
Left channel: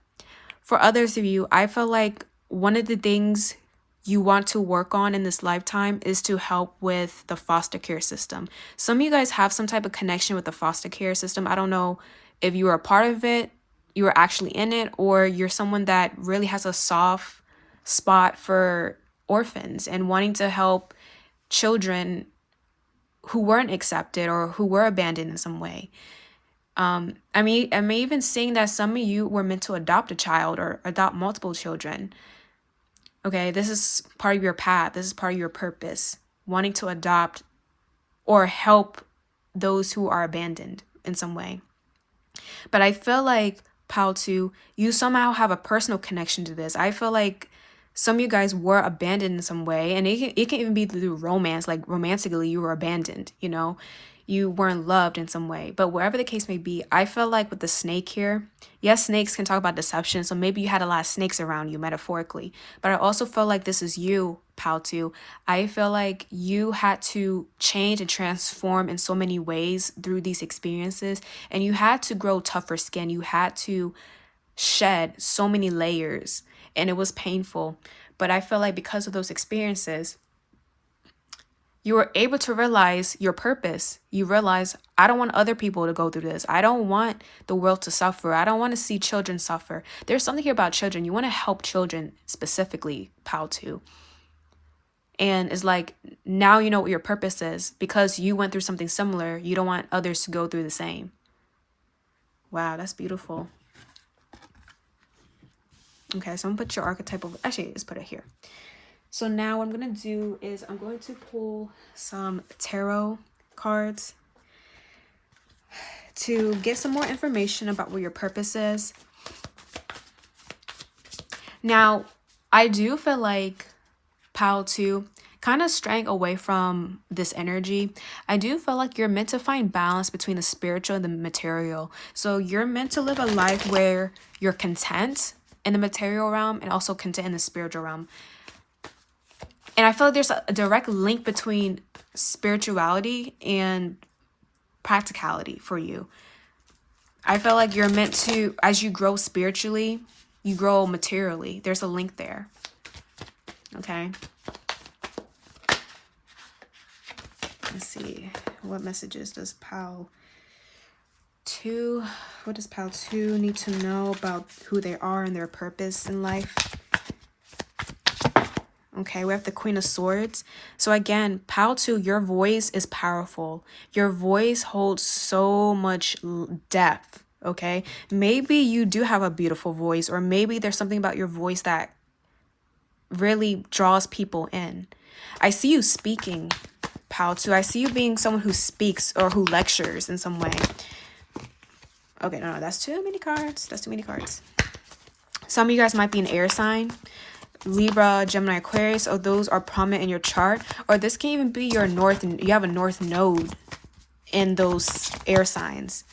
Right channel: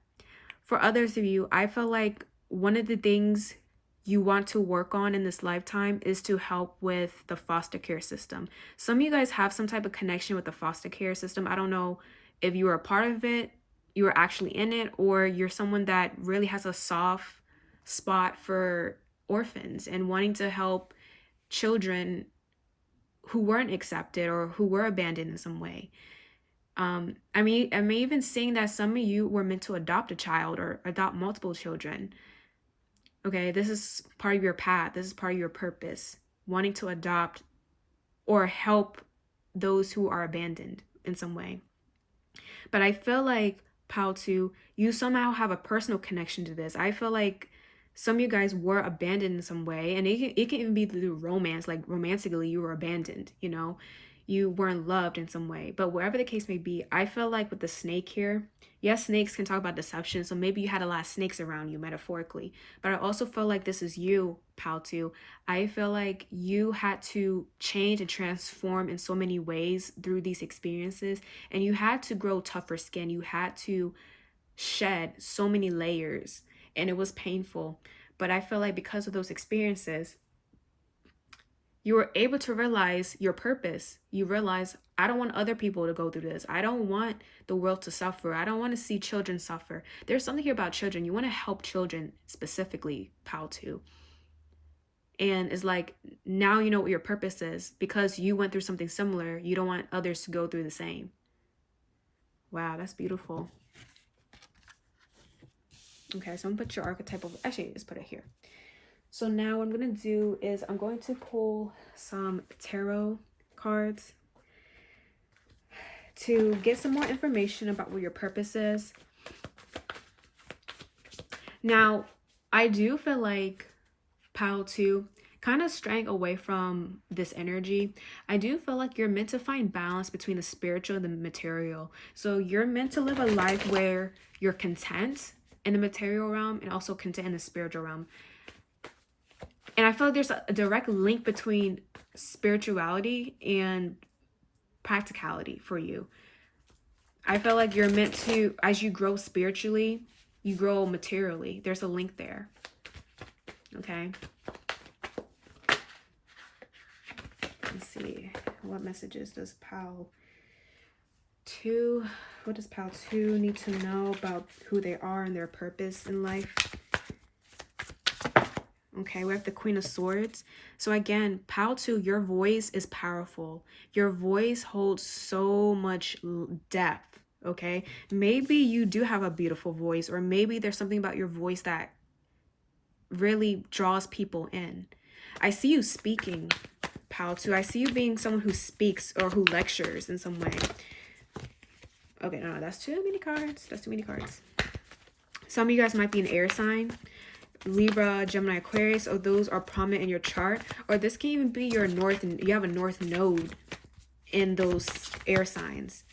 For others of you, I feel like one of the things you want to work on in this lifetime is to help with the foster care system. Some of you guys have some type of connection with the foster care system. I don't know if you are a part of it, you are actually in it, or you're someone that really has a soft spot for orphans and wanting to help children who weren't accepted or who were abandoned in some way. I'm even seeing that some of you were meant to adopt a child or adopt multiple children. Okay, this is part of your path. This is part of your purpose, wanting to adopt or help those who are abandoned in some way. But I feel like, Pal 2, you somehow have a personal connection to this. I feel like some of you guys were abandoned in some way, and it can even be through romance, like romantically you were abandoned, you weren't loved in some way. But wherever the case may be, I feel like with the snake here, yes, snakes can talk about deception, so maybe you had a lot of snakes around you metaphorically, but I also feel like this is you, Pal 2. I feel like you had to change and transform in so many ways through these experiences, and you had to grow tougher skin. You had to shed so many layers, and it was painful. But I feel like because of those experiences, you were able to realize your purpose. You realize, I don't want other people to go through this. I don't want the world to suffer. I don't want to see children suffer. There's something here about children. You want to help children specifically, Pal 2. And it's like, now you know what your purpose is. Because you went through something similar, you don't want others to go through the same. Wow, that's beautiful. Okay, so I'm gonna put your archetype of, actually, let's put it here. So now what I'm gonna do is I'm going to pull some tarot cards to get some more information about what your purpose is. Now, I do feel like Pal 2 kind of straying away from this energy. I do feel like you're meant to find balance between the spiritual and the material. So you're meant to live a life where you're content in the material realm and also content in the spiritual realm. And I feel like there's a direct link between spirituality and practicality for you. I feel like you're meant to, as you grow spiritually, you grow materially. There's a link there. Okay. Let's see. What messages does Pal 2, what does Pal 2 need to know about who they are and their purpose in life? Okay, we have the Queen of Swords. So again, Pal 2, your voice is powerful. Your voice holds so much depth, okay? Maybe you do have a beautiful voice, or maybe there's something about your voice that really draws people in. I see you speaking, Pal 2. I see you being someone who speaks or who lectures in some way. Okay, no, that's too many cards. That's too many cards. Some of you guys might be an air sign. Libra, Gemini, Aquarius, or those are prominent in your chart. Or this can even be your north, you have a north node in those air signs.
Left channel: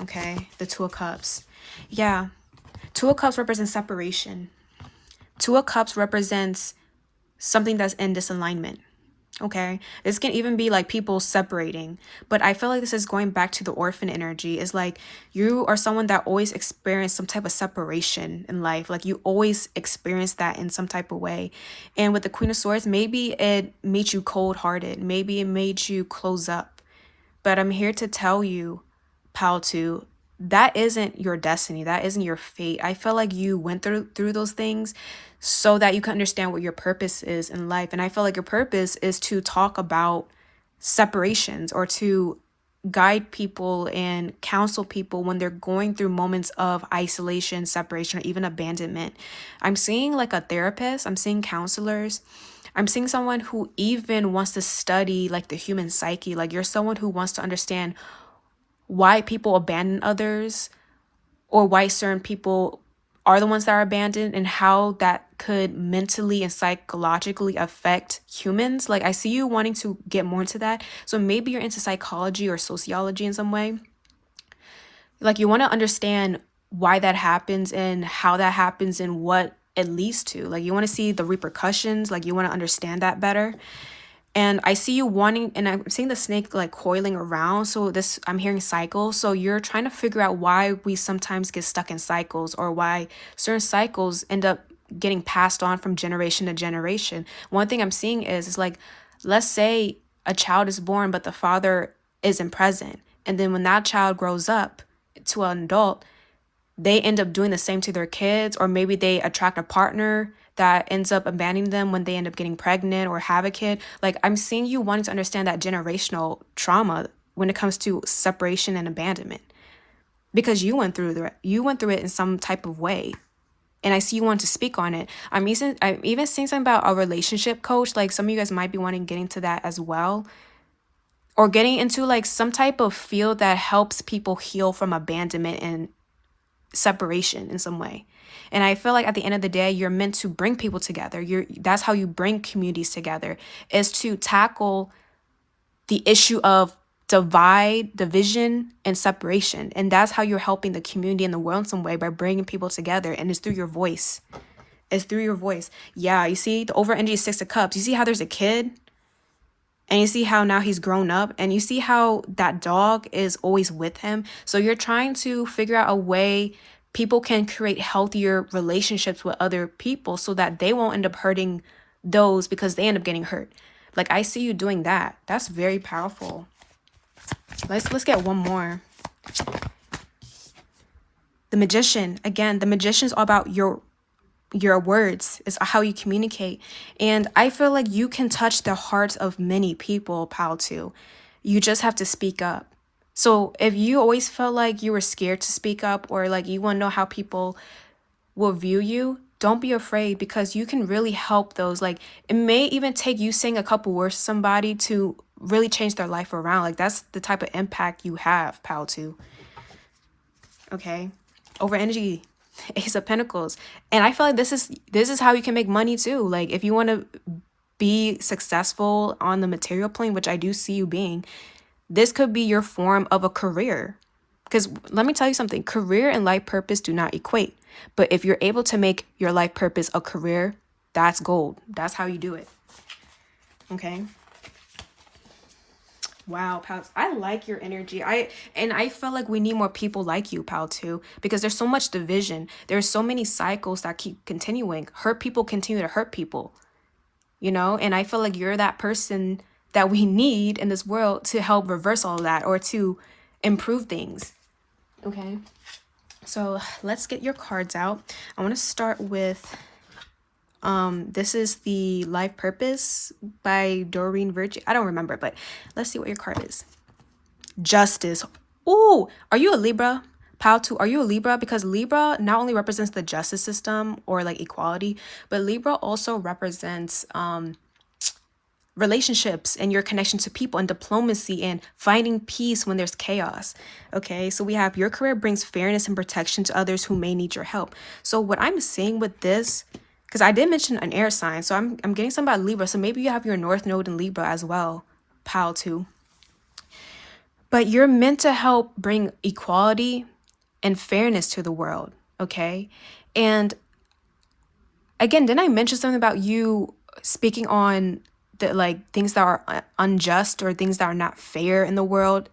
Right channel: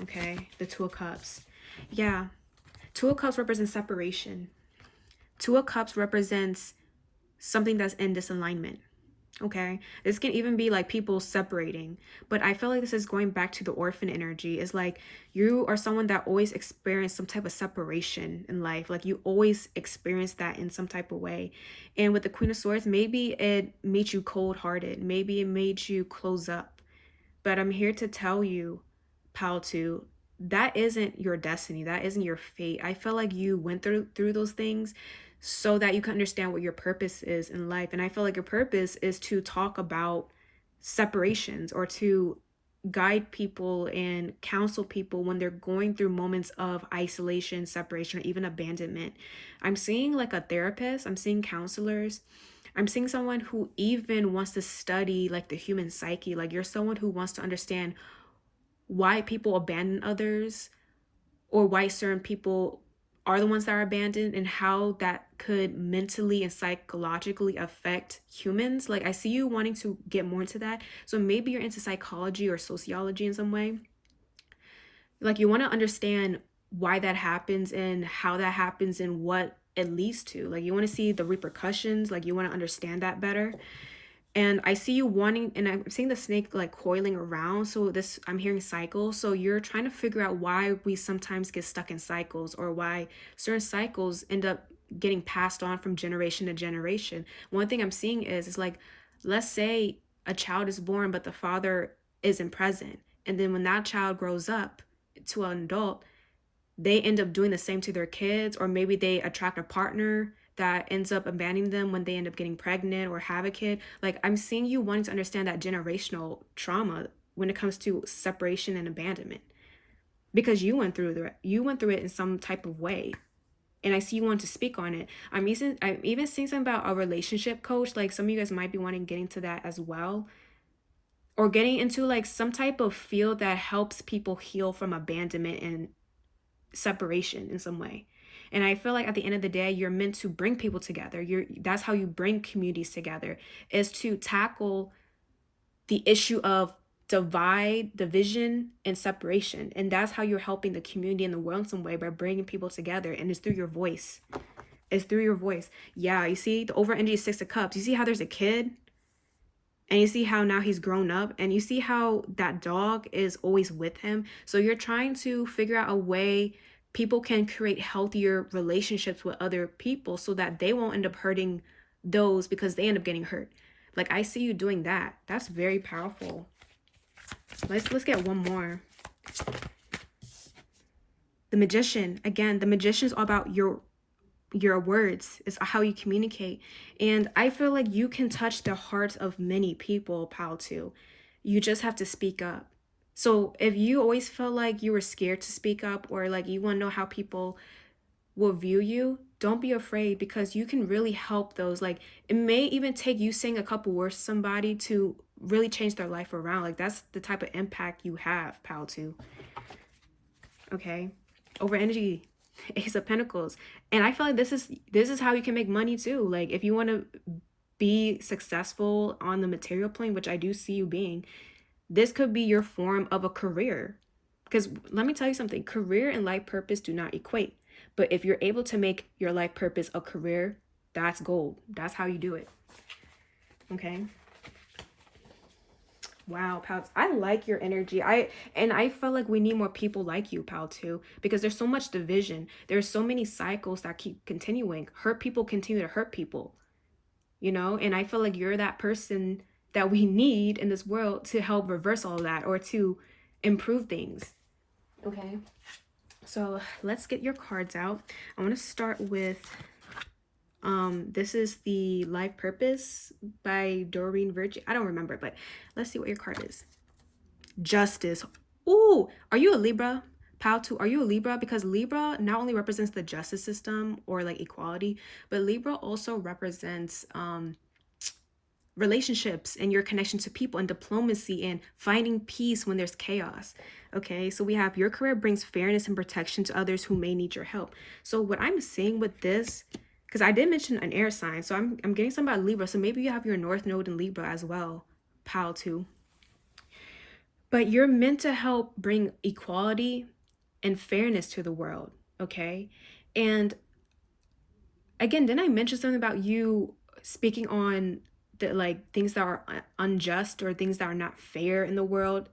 Okay, the Two of Cups. Yeah, Two of Cups represents separation. Two of Cups represents something that's in disalignment. Okay, this can even be like people separating, but I feel like this is going back to the orphan energy. Is like you are someone that always experienced some type of separation in life. Like you always experience that in some type of way. And with the Queen of Swords, maybe it made you cold-hearted. Maybe it made you close up. But I'm here to tell you, Pal 2, that isn't your destiny. That isn't your fate. I feel like you went through those things so that you can understand what your purpose is in life. And I feel like your purpose is to talk about separations or to guide people and counsel people when they're going through moments of isolation, separation, or even abandonment. I'm seeing like a therapist, I'm seeing counselors. I'm seeing someone who even wants to study like the human psyche. Like you're someone who wants to understand why people abandon others or why certain people are the ones that are abandoned and how that could mentally and psychologically affect humans. Like I see you wanting to get more into that. So maybe you're into psychology or sociology in some way. Like you want to understand why that happens and how that happens and what it leads to. Like you want to see the repercussions, like you want to understand that better. And I see you wanting, and I'm seeing the snake like coiling around. So this, I'm hearing cycles. So you're trying to figure out why we sometimes get stuck in cycles or why certain cycles end up getting passed on from generation to generation. One thing I'm seeing is like, let's say a child is born, but the father isn't present. And then when that child grows up to an adult, they end up doing the same to their kids, or maybe they attract a partner that ends up abandoning them when they end up getting pregnant or have a kid. Like I'm seeing you wanting to understand that generational trauma when it comes to separation and abandonment, because you went through it in some type of way. And I see you want to speak on it. I'm even seeing something about a relationship coach. Like some of you guys might be wanting to get into that as well, or getting into like some type of field that helps people heal from abandonment and separation in some way. And I feel like at the end of the day, you're meant to bring people together. That's how you bring communities together, is to tackle the issue of division, and separation. And that's how you're helping the community and the world in some way, by bringing people together. And it's through your voice. It's through your voice. Yeah, you see the over energy is 6 of Cups. You see how there's a kid? And you see how now he's grown up, and you see how that dog is always with him. So you're trying to figure out a way people can create healthier relationships with other people so that they won't end up hurting those because they end up getting hurt. Like I see you doing that. That's very powerful. Let's get one more. The Magician. Again, the Magician is all about your words, is how you communicate. And I feel like you can touch the hearts of many people, Pal 2. You just have to speak up. So if you always felt like you were scared to speak up, or like you want to know how people will view you, don't be afraid, because you can really help those. Like, it may even take you saying a couple words to somebody to really change their life around. Like, that's the type of impact you have, pal, too. Okay? Over energy, Ace of Pentacles. And I feel like this is how you can make money too. Like, if you want to be successful on the material plane, which I do see you being, this could be your form of a career. Because let me tell you something, career and life purpose do not equate. But if you're able to make your life purpose a career, that's gold. That's how you do it. Okay. Wow, pal. I like your energy. I feel like we need more people like you, pal, too, because there's so much division. There's so many cycles that keep continuing. Hurt people continue to hurt people, and I feel like you're that person that we need in this world to help reverse all of that, or to improve things. Okay. So let's get your cards out. I want to start with this is the Life Purpose by Doreen Virtue. I don't remember, but let's see what your card is. Justice. Ooh, are you a Libra? Pal 2, are you a Libra? Because Libra not only represents the justice system or like equality, but Libra also represents relationships and your connection to people and diplomacy and finding peace when there's chaos. Okay, so we have your career brings fairness and protection to others who may need your help. So what I'm seeing with this, because I did mention an air sign, so I'm getting something about Libra. So maybe you have your North Node in Libra as well, pal 2. But you're meant to help bring equality and fairness to the world, okay? And again, didn't I mention something about you speaking on the like things that are unjust or things that are not fair in the world,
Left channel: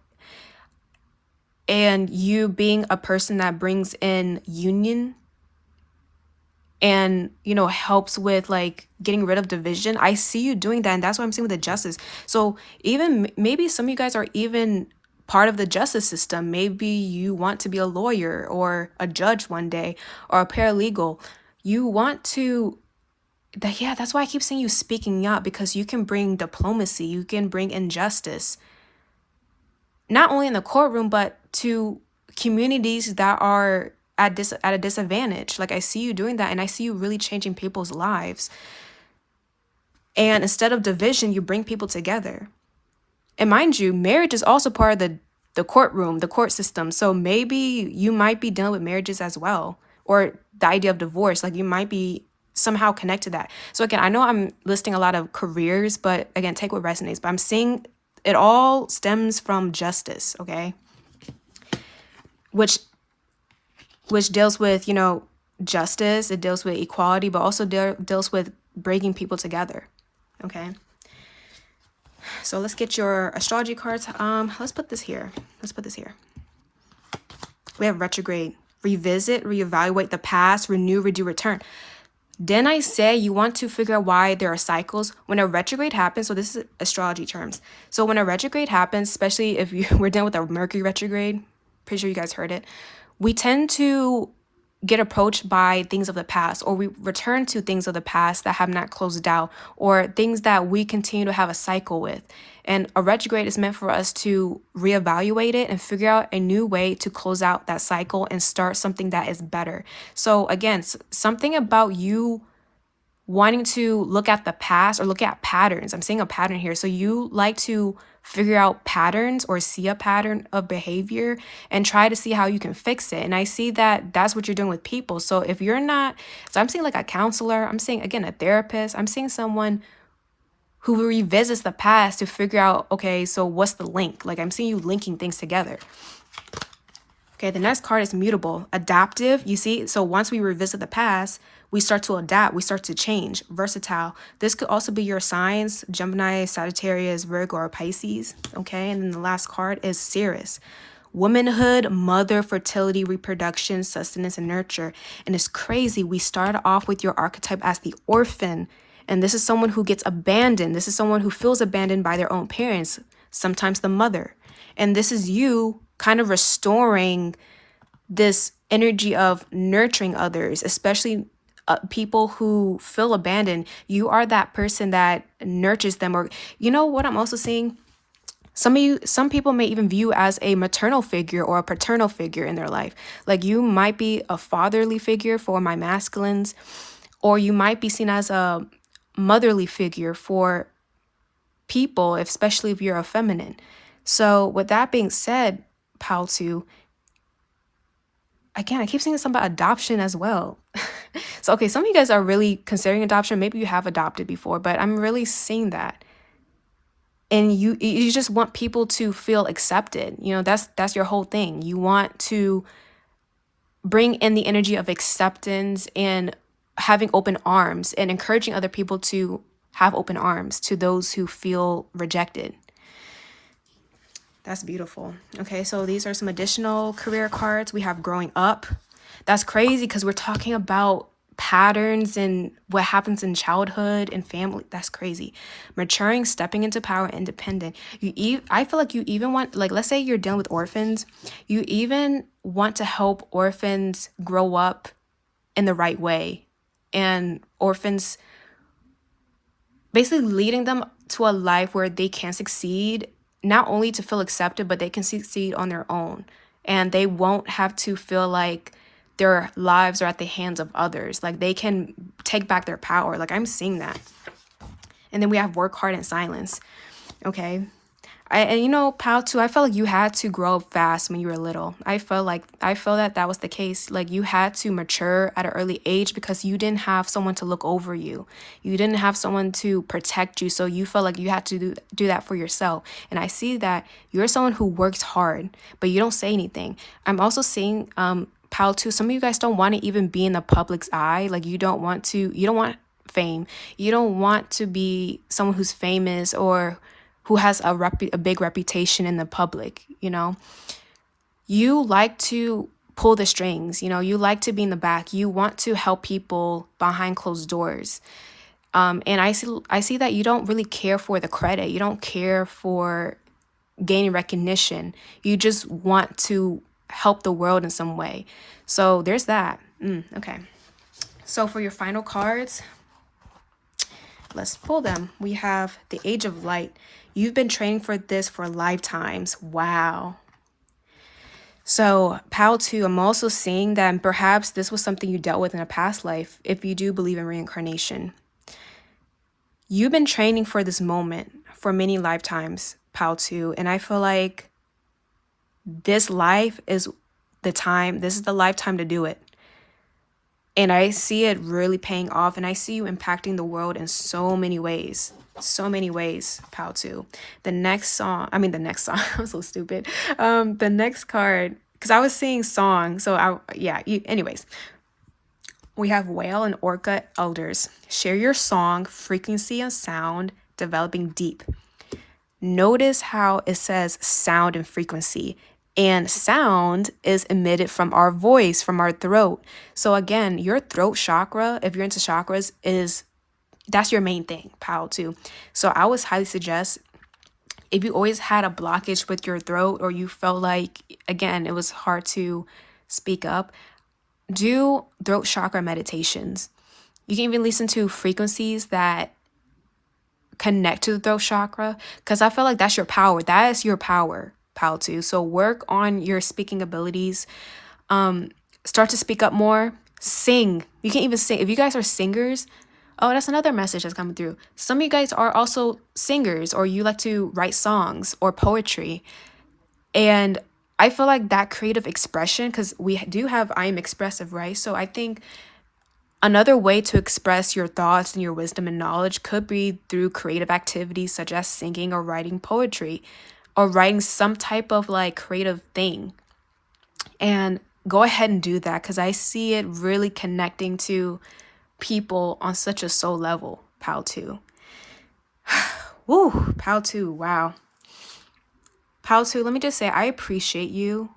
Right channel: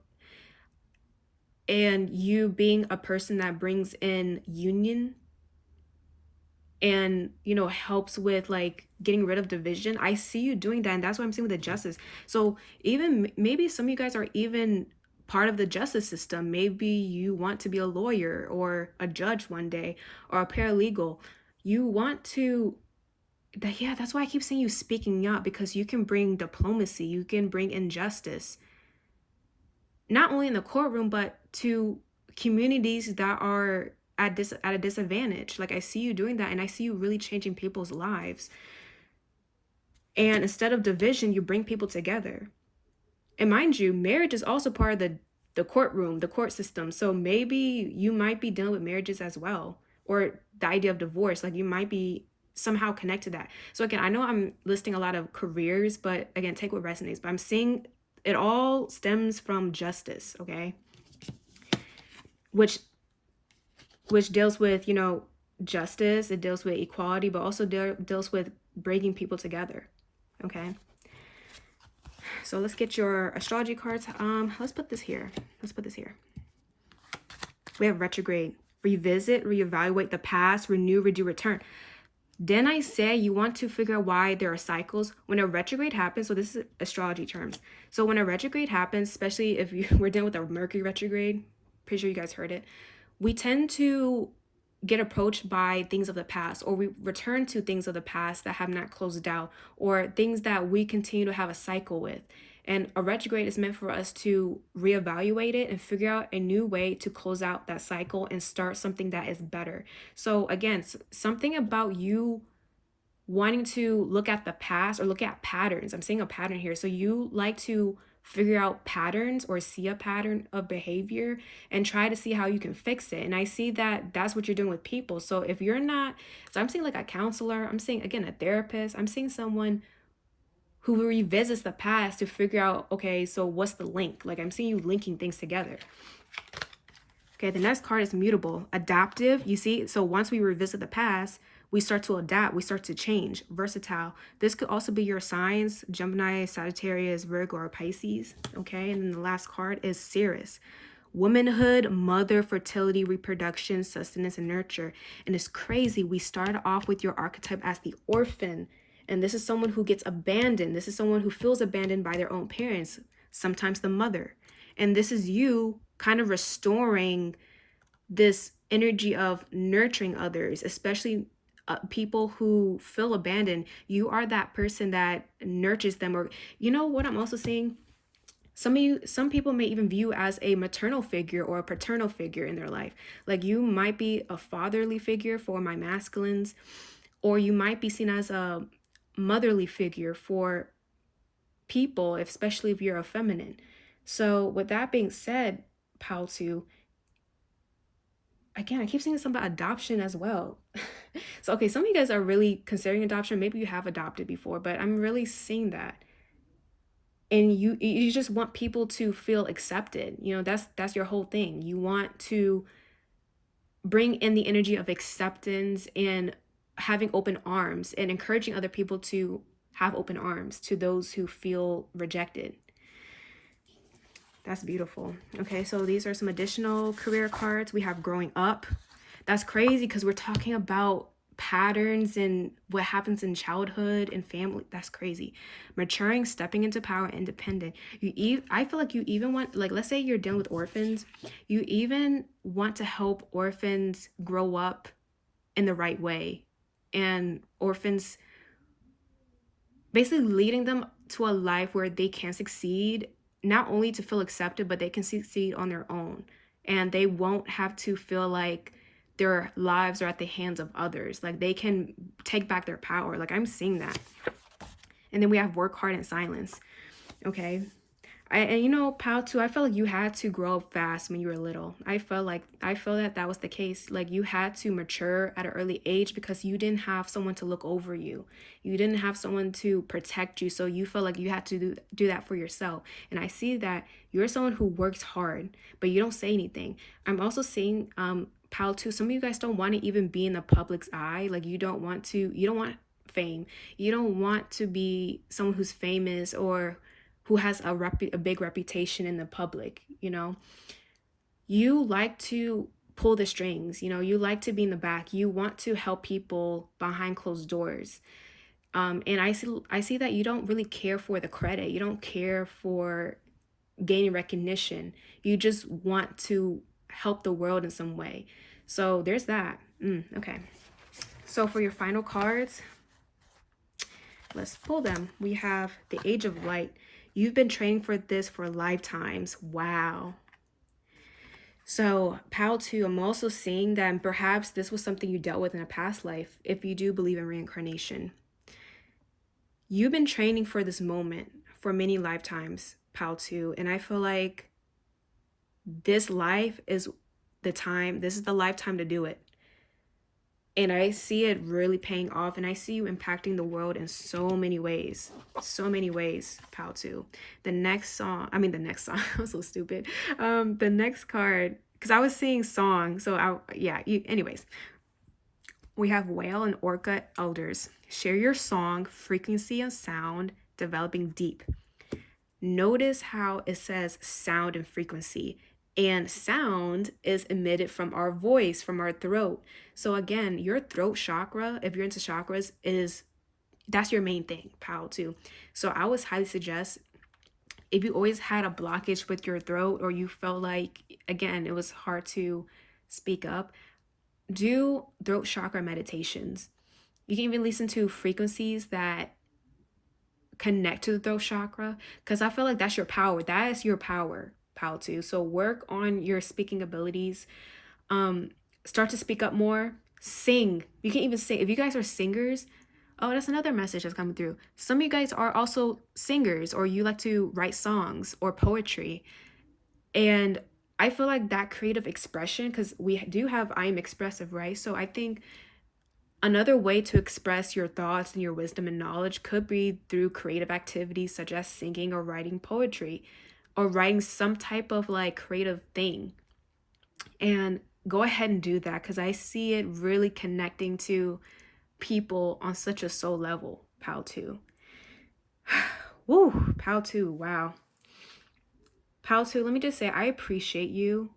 and you being a person that brings in union and helps with like getting rid of division? I see you doing that, and that's what I'm seeing with the justice. So even maybe some of you guys are even part of the justice system. Maybe you want to be a lawyer or a judge one day, or a paralegal. You want to that's why I keep saying you speaking up, because you can bring diplomacy, you can bring injustice, not only in the courtroom, but to communities that are at a disadvantage. Like, I see you doing that, and I see you really changing people's lives. And instead of division, you bring people together. And mind you, marriage is also part of the courtroom, the court system. So maybe you might be dealing with marriages as well, or the idea of divorce. Like, you might be somehow connect to that. So again, I know I'm listing a lot of careers, but again, take what resonates. But I'm seeing it all stems from justice, okay? Which deals with, justice. It deals with equality, but also deals with bringing people together, okay? So let's get your astrology cards. Let's put this here. We have retrograde. Revisit, reevaluate the past, renew, redo, return. Then I say you want to figure out why there are cycles. When a retrograde happens, so this is astrology terms. So when a retrograde happens, especially if we're dealing with a Mercury retrograde, pretty sure you guys heard it, we tend to get approached by things of the past, or we return to things of the past that have not closed out, or things that we continue to have a cycle with. And a retrograde is meant for us to reevaluate it and figure out a new way to close out that cycle and start something that is better. So again, something about you wanting to look at the past or look at patterns. I'm seeing a pattern here. So you like to figure out patterns or see a pattern of behavior and try to see how you can fix it. And I see that that's what you're doing with people. So if you're not, so I'm seeing like a counselor, I'm seeing again a therapist, I'm seeing someone who revisits the past to figure out, okay, so what's the link? Like, I'm seeing you linking things together. Okay, the next card is mutable, adaptive. You see, so once we revisit the past, we start to adapt, we start to change. Versatile. This could also be your signs, Gemini, Sagittarius, Virgo, or Pisces. Okay, and then the last card is Ceres. Womanhood, mother, fertility, reproduction, sustenance, and nurture. And it's crazy. We start off with your archetype as the orphan. And this is someone who gets abandoned. This is someone who feels abandoned by their own parents, sometimes the mother. And this is you kind of restoring this energy of nurturing others, especially people who feel abandoned. You are that person that nurtures them. Or you know what I'm also seeing? Some people may even view as a maternal figure or a paternal figure in their life. Like you might be a fatherly figure for my masculines, or you might be seen as a motherly figure for people, especially if you're a feminine. So with that being said, Paltu, again, I keep saying something about adoption as well. So, okay, some of you guys are really considering adoption. Maybe you have adopted before, but I'm really seeing that. And you just want people to feel accepted. You know, that's your whole thing. You want to bring in the energy of acceptance and having open arms and encouraging other people to have open arms to those who feel rejected. That's beautiful. Okay, so these are some additional career cards. We have growing up. That's crazy because we're talking about patterns and what happens in childhood and family. That's crazy. Maturing, stepping into power, independent. I feel like you even want, like, let's say you're dealing with orphans. You even want to help orphans grow up in the right way. And orphans, basically leading them to a life where they can succeed, not only to feel accepted, but they can succeed on their own. And they won't have to feel like their lives are at the hands of others. Like they can take back their power. Like I'm seeing that. And then we have work hard in silence. Okay. And you know, Pal, too, I felt like you had to grow up fast when you were little. I felt that that was the case. Like you had to mature at an early age because you didn't have someone to look over you. You didn't have someone to protect you. So you felt like you had to do that for yourself. And I see that you're someone who works hard, but you don't say anything. I'm also seeing, Pal, too, some of you guys don't want to even be in the public's eye. Like you don't want fame. You don't want to be someone who's famous or who has a big reputation in the public, you know. You like to pull the strings, you know, you like to be in the back. You want to help people behind closed doors. And I see that you don't really care for the credit. You don't care for gaining recognition. You just want to help the world in some way. So there's that. Okay. So for your final cards, let's pull them. We have the Age of Light. You've been training for this for lifetimes. Wow. So, Pal 2, I'm also seeing that perhaps this was something you dealt with in a past life, if you do believe in reincarnation. You've been training for this moment for many lifetimes, Pal 2, and I feel like this life is this is the lifetime to do it. And I see it really paying off, and I see you impacting the world in so many ways. So many ways, Pal 2. The next song, I'm so stupid. The next card, because I was seeing song, so anyways. We have Whale and Orca Elders. Share your song, frequency and sound, developing deep. Notice how it says sound and frequency. And sound is emitted from our voice, from our throat. So again, your throat chakra, if you're into chakras, that's your main thing, Pal, too. So I would highly suggest, if you always had a blockage with your throat or you felt like, again, it was hard to speak up, do throat chakra meditations. You can even listen to frequencies that connect to the throat chakra, because I feel like that's your power. That is your power, Pal 2. So work on your speaking abilities. Start to speak up more. Sing. You can even sing. If you guys are singers, oh, that's another message that's coming through. Some of you guys are also singers, or you like to write songs or poetry. And I feel like that creative expression, because we do have I am expressive, right? So I think another way to express your thoughts and your wisdom and knowledge could be through creative activities such as singing or writing poetry or writing some type of like creative thing. And go ahead and do that, because I see it really connecting to people on such a soul level, Pal 2. Woo, Pal 2, wow. Pal 2, let me just say, I appreciate you.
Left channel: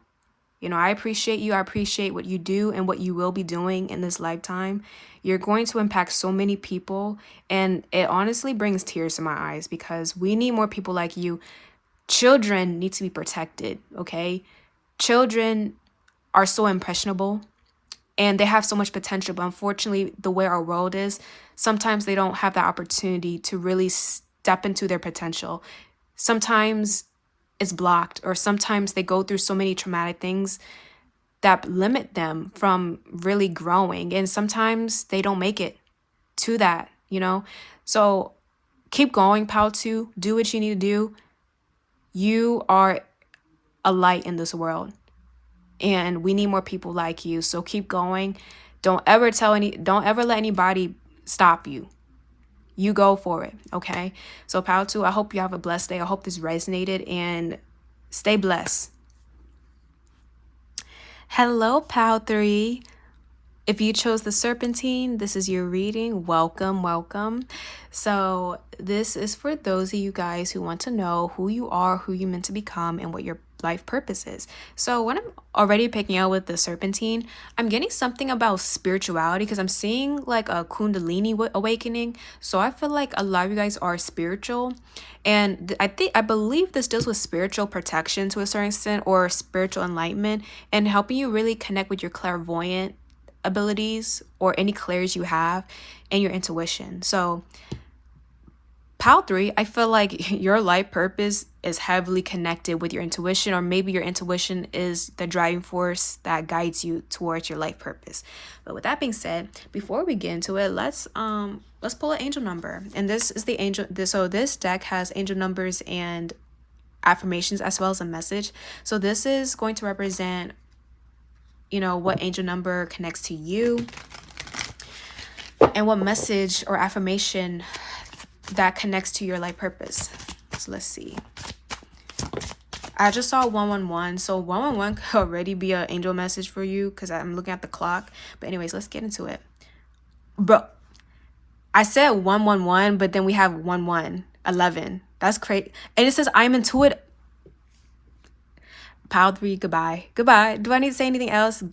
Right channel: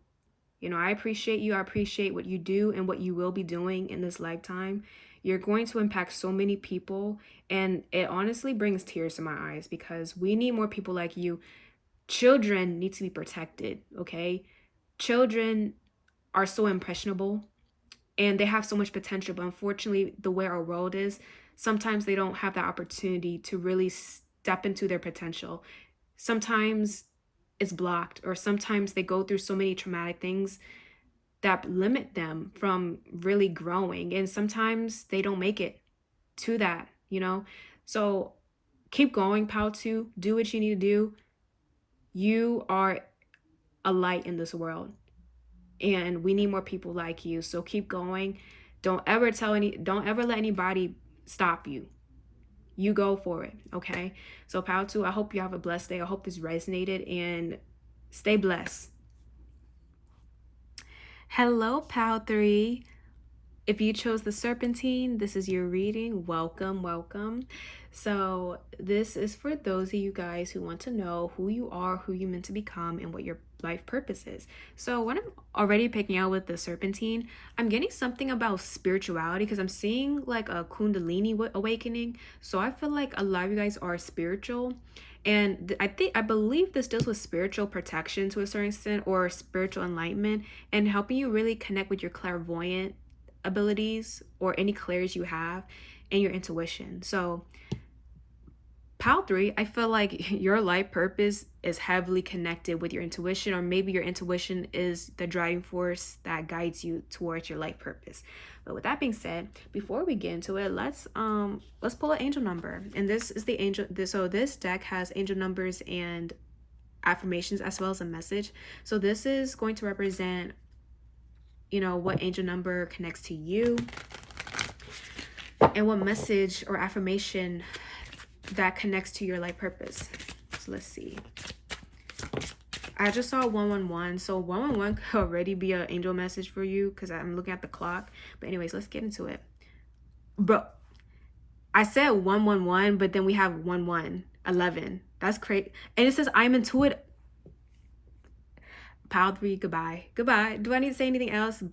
You know, I appreciate you. I appreciate what you do and what you will be doing in this lifetime. You're going to impact so many people, and it honestly brings tears to my eyes because we need more people like you. Children need to be protected, okay? Children are so impressionable and they have so much potential, but unfortunately, the way our world is, sometimes they don't have that opportunity to really step into their potential. Sometimes is blocked, or sometimes they go through so many traumatic things that limit them from really growing, and sometimes they don't make it to that, so keep going, pal. To do what you need to do. You are a light in this world, and we need more people like you, so keep going. Don't ever let anybody stop you. You go for it, okay? So pal 2, I hope you have a blessed day. I hope this resonated, and stay blessed. Hello, pal 3. If you chose the Serpentine, this is your reading. Welcome, welcome. So this is for those of you guys who want to know who you are, who you're meant to become, and what your life purpose is. So when I'm already picking out with the Serpentine, I'm getting something about spirituality, because I'm seeing like a Kundalini awakening. So I feel like a lot of you guys are spiritual. And I believe this deals with spiritual protection to a certain extent, or spiritual enlightenment, and helping you really connect with your clairvoyant abilities, or any clairs you have, and your intuition. So pal 3, I feel like your life purpose is heavily connected with your intuition, or maybe your intuition is the driving force that guides you towards your life purpose. But with that being said, before we get into it, let's pull an angel number. And this is the angel. So this deck has angel numbers and affirmations, as well as a message. So this is going to represent what angel number connects to you, and what message or affirmation that connects to your life purpose. So let's see. I just saw 111. So 111 could already be an angel message for you, because I'm looking at the clock. But anyways, let's get into it. Bro, I said 111, but then we have 11. That's crazy. And it says I'm intuitive. Pile 3, goodbye. Goodbye. Do I need to say anything else?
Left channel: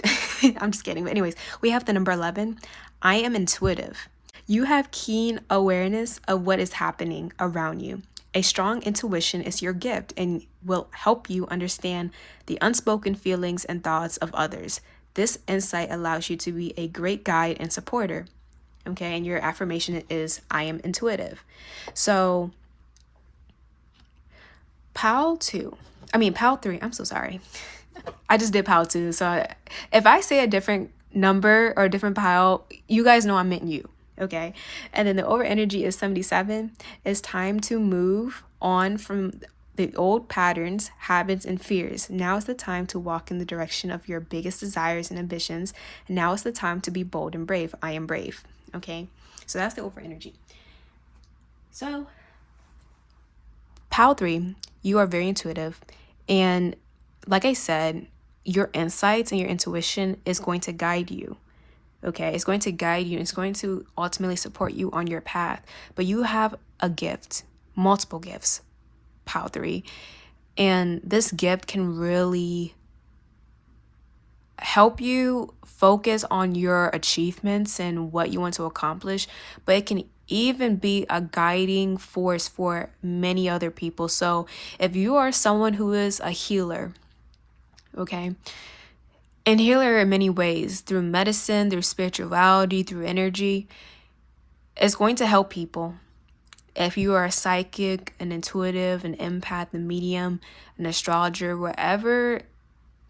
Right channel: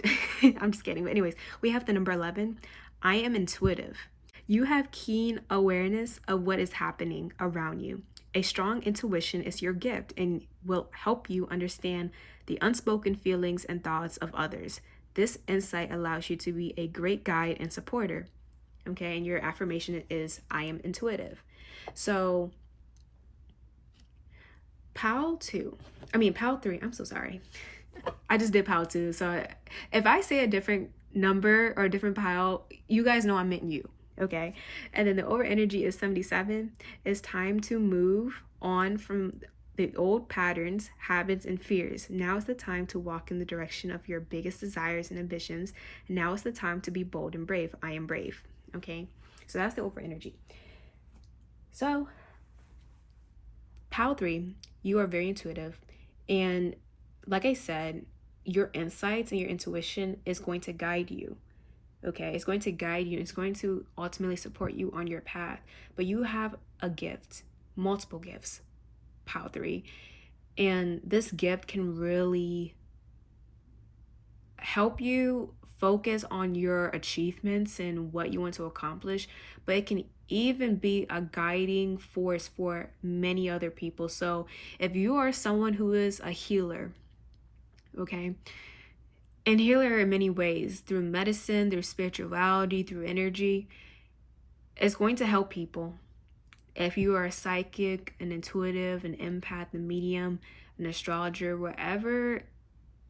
I'm just kidding. But anyways, we have the number 11. I am intuitive. You have keen awareness of what is happening around you. A strong intuition is your gift and will help you understand the unspoken feelings and thoughts of others. This insight allows you to be a great guide and supporter. Okay, and your affirmation is I am intuitive. So pal 3, I'm so sorry. I just did pile 2. So if I say a different number or a different pile, you guys know I meant you. Okay. And then the over energy is 77. It's time to move on from the old patterns, habits, and fears. Now is the time to walk in the direction of your biggest desires and ambitions. Now is the time to be bold and brave. I am brave. Okay. So that's the over energy. So pile 3, you are very intuitive. And like I said, your insights and your intuition is going to guide you. Okay, it's going to guide you. It's going to ultimately support you on your path. But you have a gift, multiple gifts, pile 3. And this gift can really help you focus on your achievements and what you want to accomplish. But it can even be a guiding force for many other people. So if you are someone who is a healer, okay, and healer in many ways, through medicine, through spirituality, through energy, it's going to help people. If you are a psychic, an intuitive, an empath, a medium, an astrologer, wherever,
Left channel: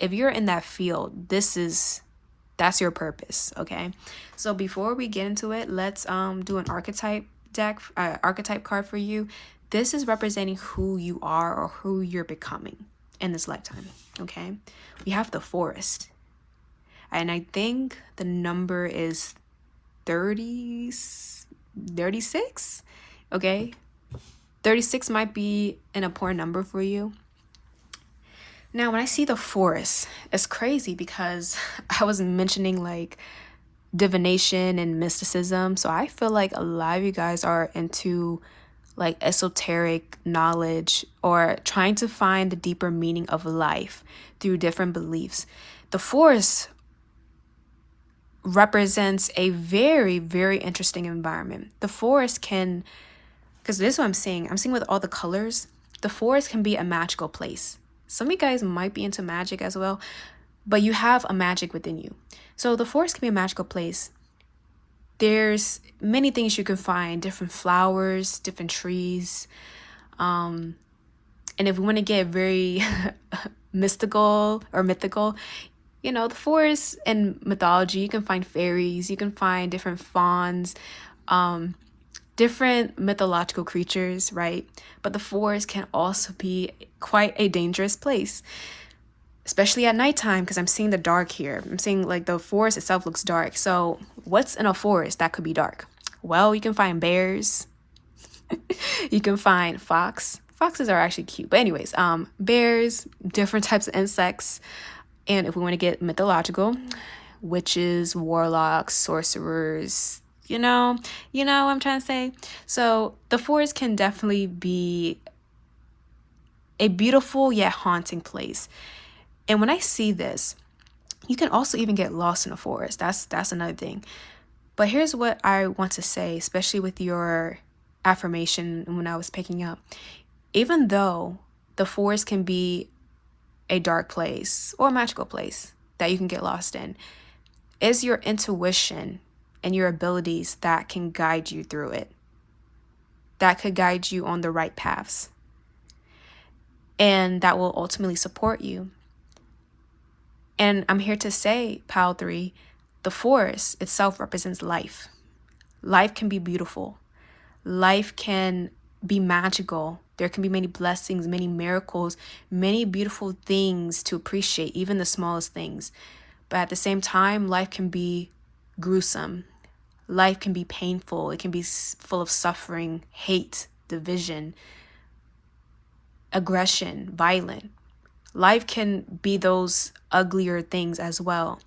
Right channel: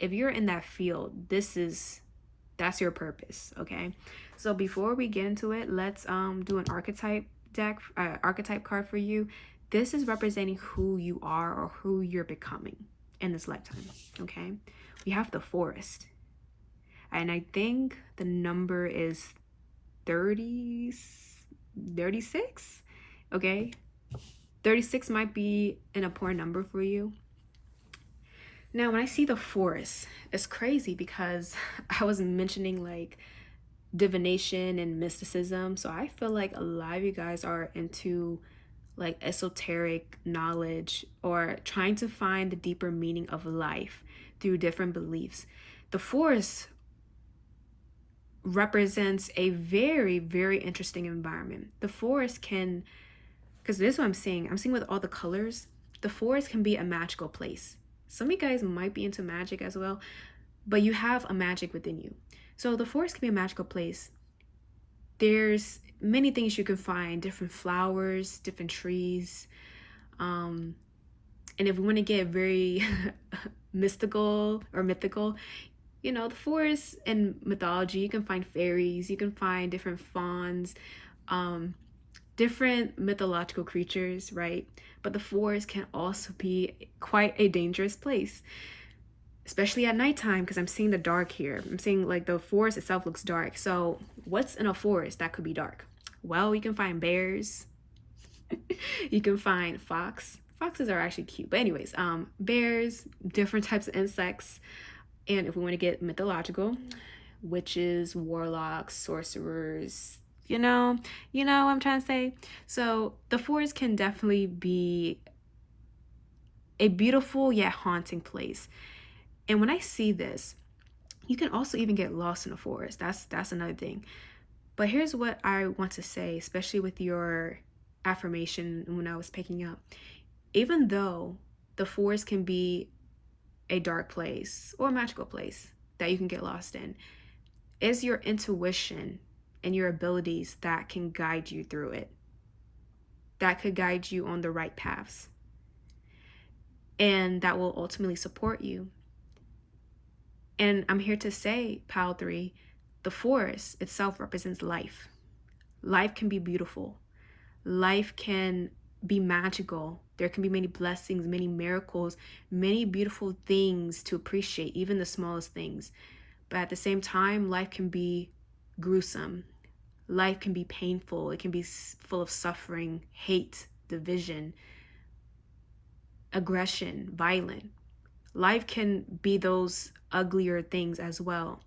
if you're in that field, that's your purpose, okay? So before we get into it, let's do an archetype deck, archetype card for you. This is representing who you are or who you're becoming in this lifetime, okay? We have the Forest. And I think the number is 36, okay? 36 might be an important number for you. Now, when I see the Forest, it's crazy because I was mentioning like divination and mysticism. So I feel like a lot of you guys are into like esoteric knowledge, or trying to find the deeper meaning of life through different beliefs. The Forest represents a very, very interesting environment. The forest can, because this is what I'm seeing with all the colors, the forest can be a magical place. Some of you guys might be into magic as well, but you have a magic within you. So the forest can be a magical place. There's many things you can find, different flowers, different trees, And if we want to get very mystical or mythical, the forest and mythology, you can find fairies, you can find different fauns, different mythological creatures, right? But the forest can also be quite a dangerous place, especially at nighttime, because I'm seeing the dark here. I'm seeing like the forest itself looks dark. So what's in a forest that could be dark? Well, you can find bears. You can find fox. Foxes are actually cute. But anyways, bears, different types of insects. And if we want to get mythological, witches, warlocks, sorcerers, what I'm trying to say. So the forest can definitely be a beautiful yet haunting place. And when I see this, you can also even get lost in a forest. That's another thing. But here's what I want to say, especially with your affirmation when I was picking up. Even though the forest can be a dark place or a magical place that you can get lost in, it's your intuition and your abilities that can guide you through it, that could guide you on the right paths, and that will ultimately support you. And I'm here to say, Pile 3, the forest itself represents life. Life can be beautiful. Life can be magical. There can be many blessings, many miracles, many beautiful things to appreciate, even the smallest things. But at the same time, life can be gruesome. Life can be painful. It can be full of suffering, hate, division, aggression, violent. Life can be those uglier things as well.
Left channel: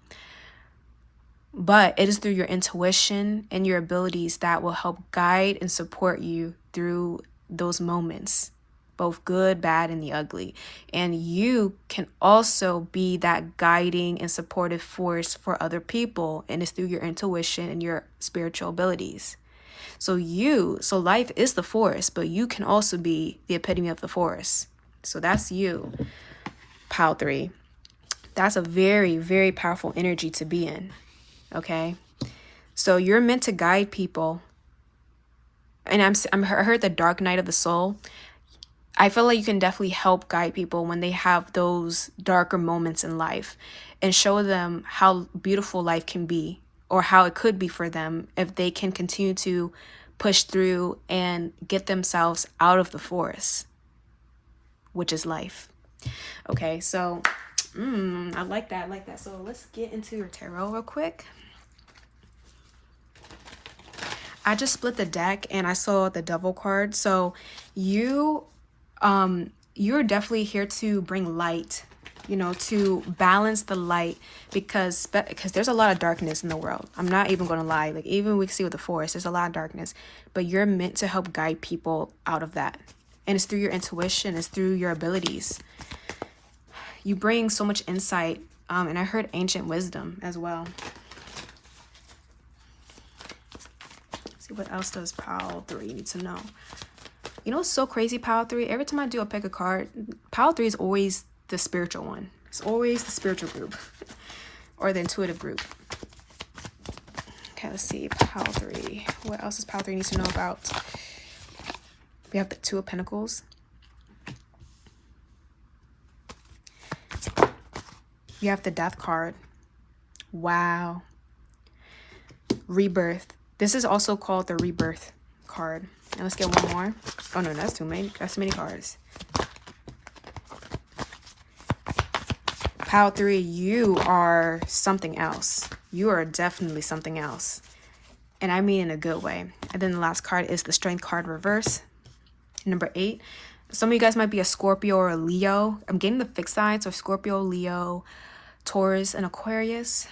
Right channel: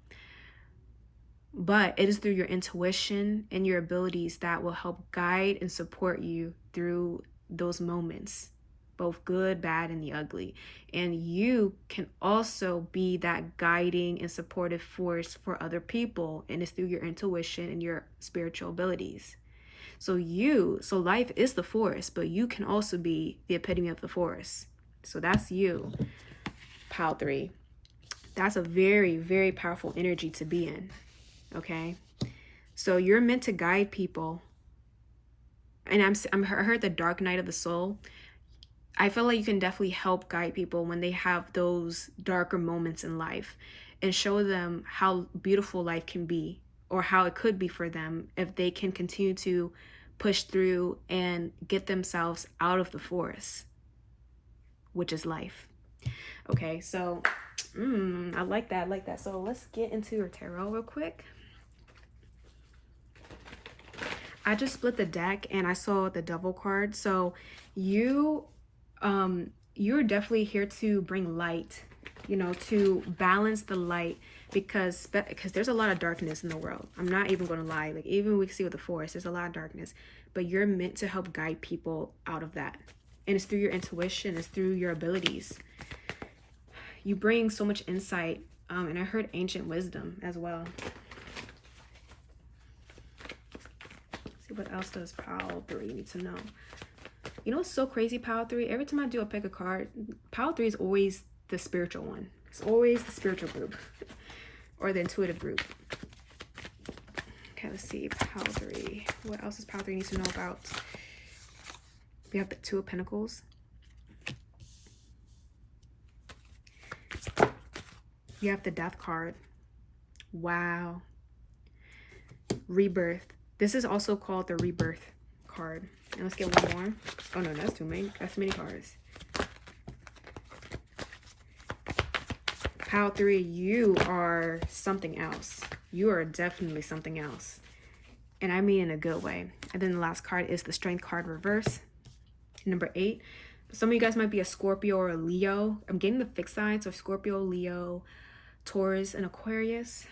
But it is through your intuition and your abilities that will help guide and support you through those moments, both good, bad, and the ugly. And you can also be that guiding and supportive force for other people. And it's through your intuition and your spiritual abilities. So life is the forest, but you can also be the epitome of the forest. So that's you, Pile 3. That's a very, very powerful energy to be in. Okay, so you're meant to guide people. And I heard the dark night of the soul. I feel like you can definitely help guide people when they have those darker moments in life and show them how beautiful life can be, or how it could be for them if they can continue to push through and get themselves out of the forest, which is life. Okay, so I like that. So let's get into your tarot real quick. I just split the deck and I saw the Devil card. So you're definitely here to bring light, to balance the light, because there's a lot of darkness in the world. I'm not even going to lie. Like, even we can see with the forest, there's a lot of darkness, but you're meant to help guide people out of that. And it's through your intuition, it's through your abilities. You bring so much insight. And I heard ancient wisdom as well. See, what else does Pile 3 need to know? What's so crazy, Pile 3? Every time I do a pick a card, Pile 3 is always the spiritual one. It's always the spiritual group or the intuitive group. Okay, let's see. Pile 3. What else does Pile 3 need to know about? We have the Two of Pentacles. You have the Death card. Wow. Rebirth. This is also called the Rebirth card. And let's get one more. Oh no, that's too many. That's too many cards. Pile 3, you are something else. You are definitely something else. And I mean in a good way. And then the last card is the Strength card reverse. Number 8. Some of you guys might be a Scorpio or a Leo. I'm getting the fixed signs of Scorpio, Leo, Taurus, and Aquarius.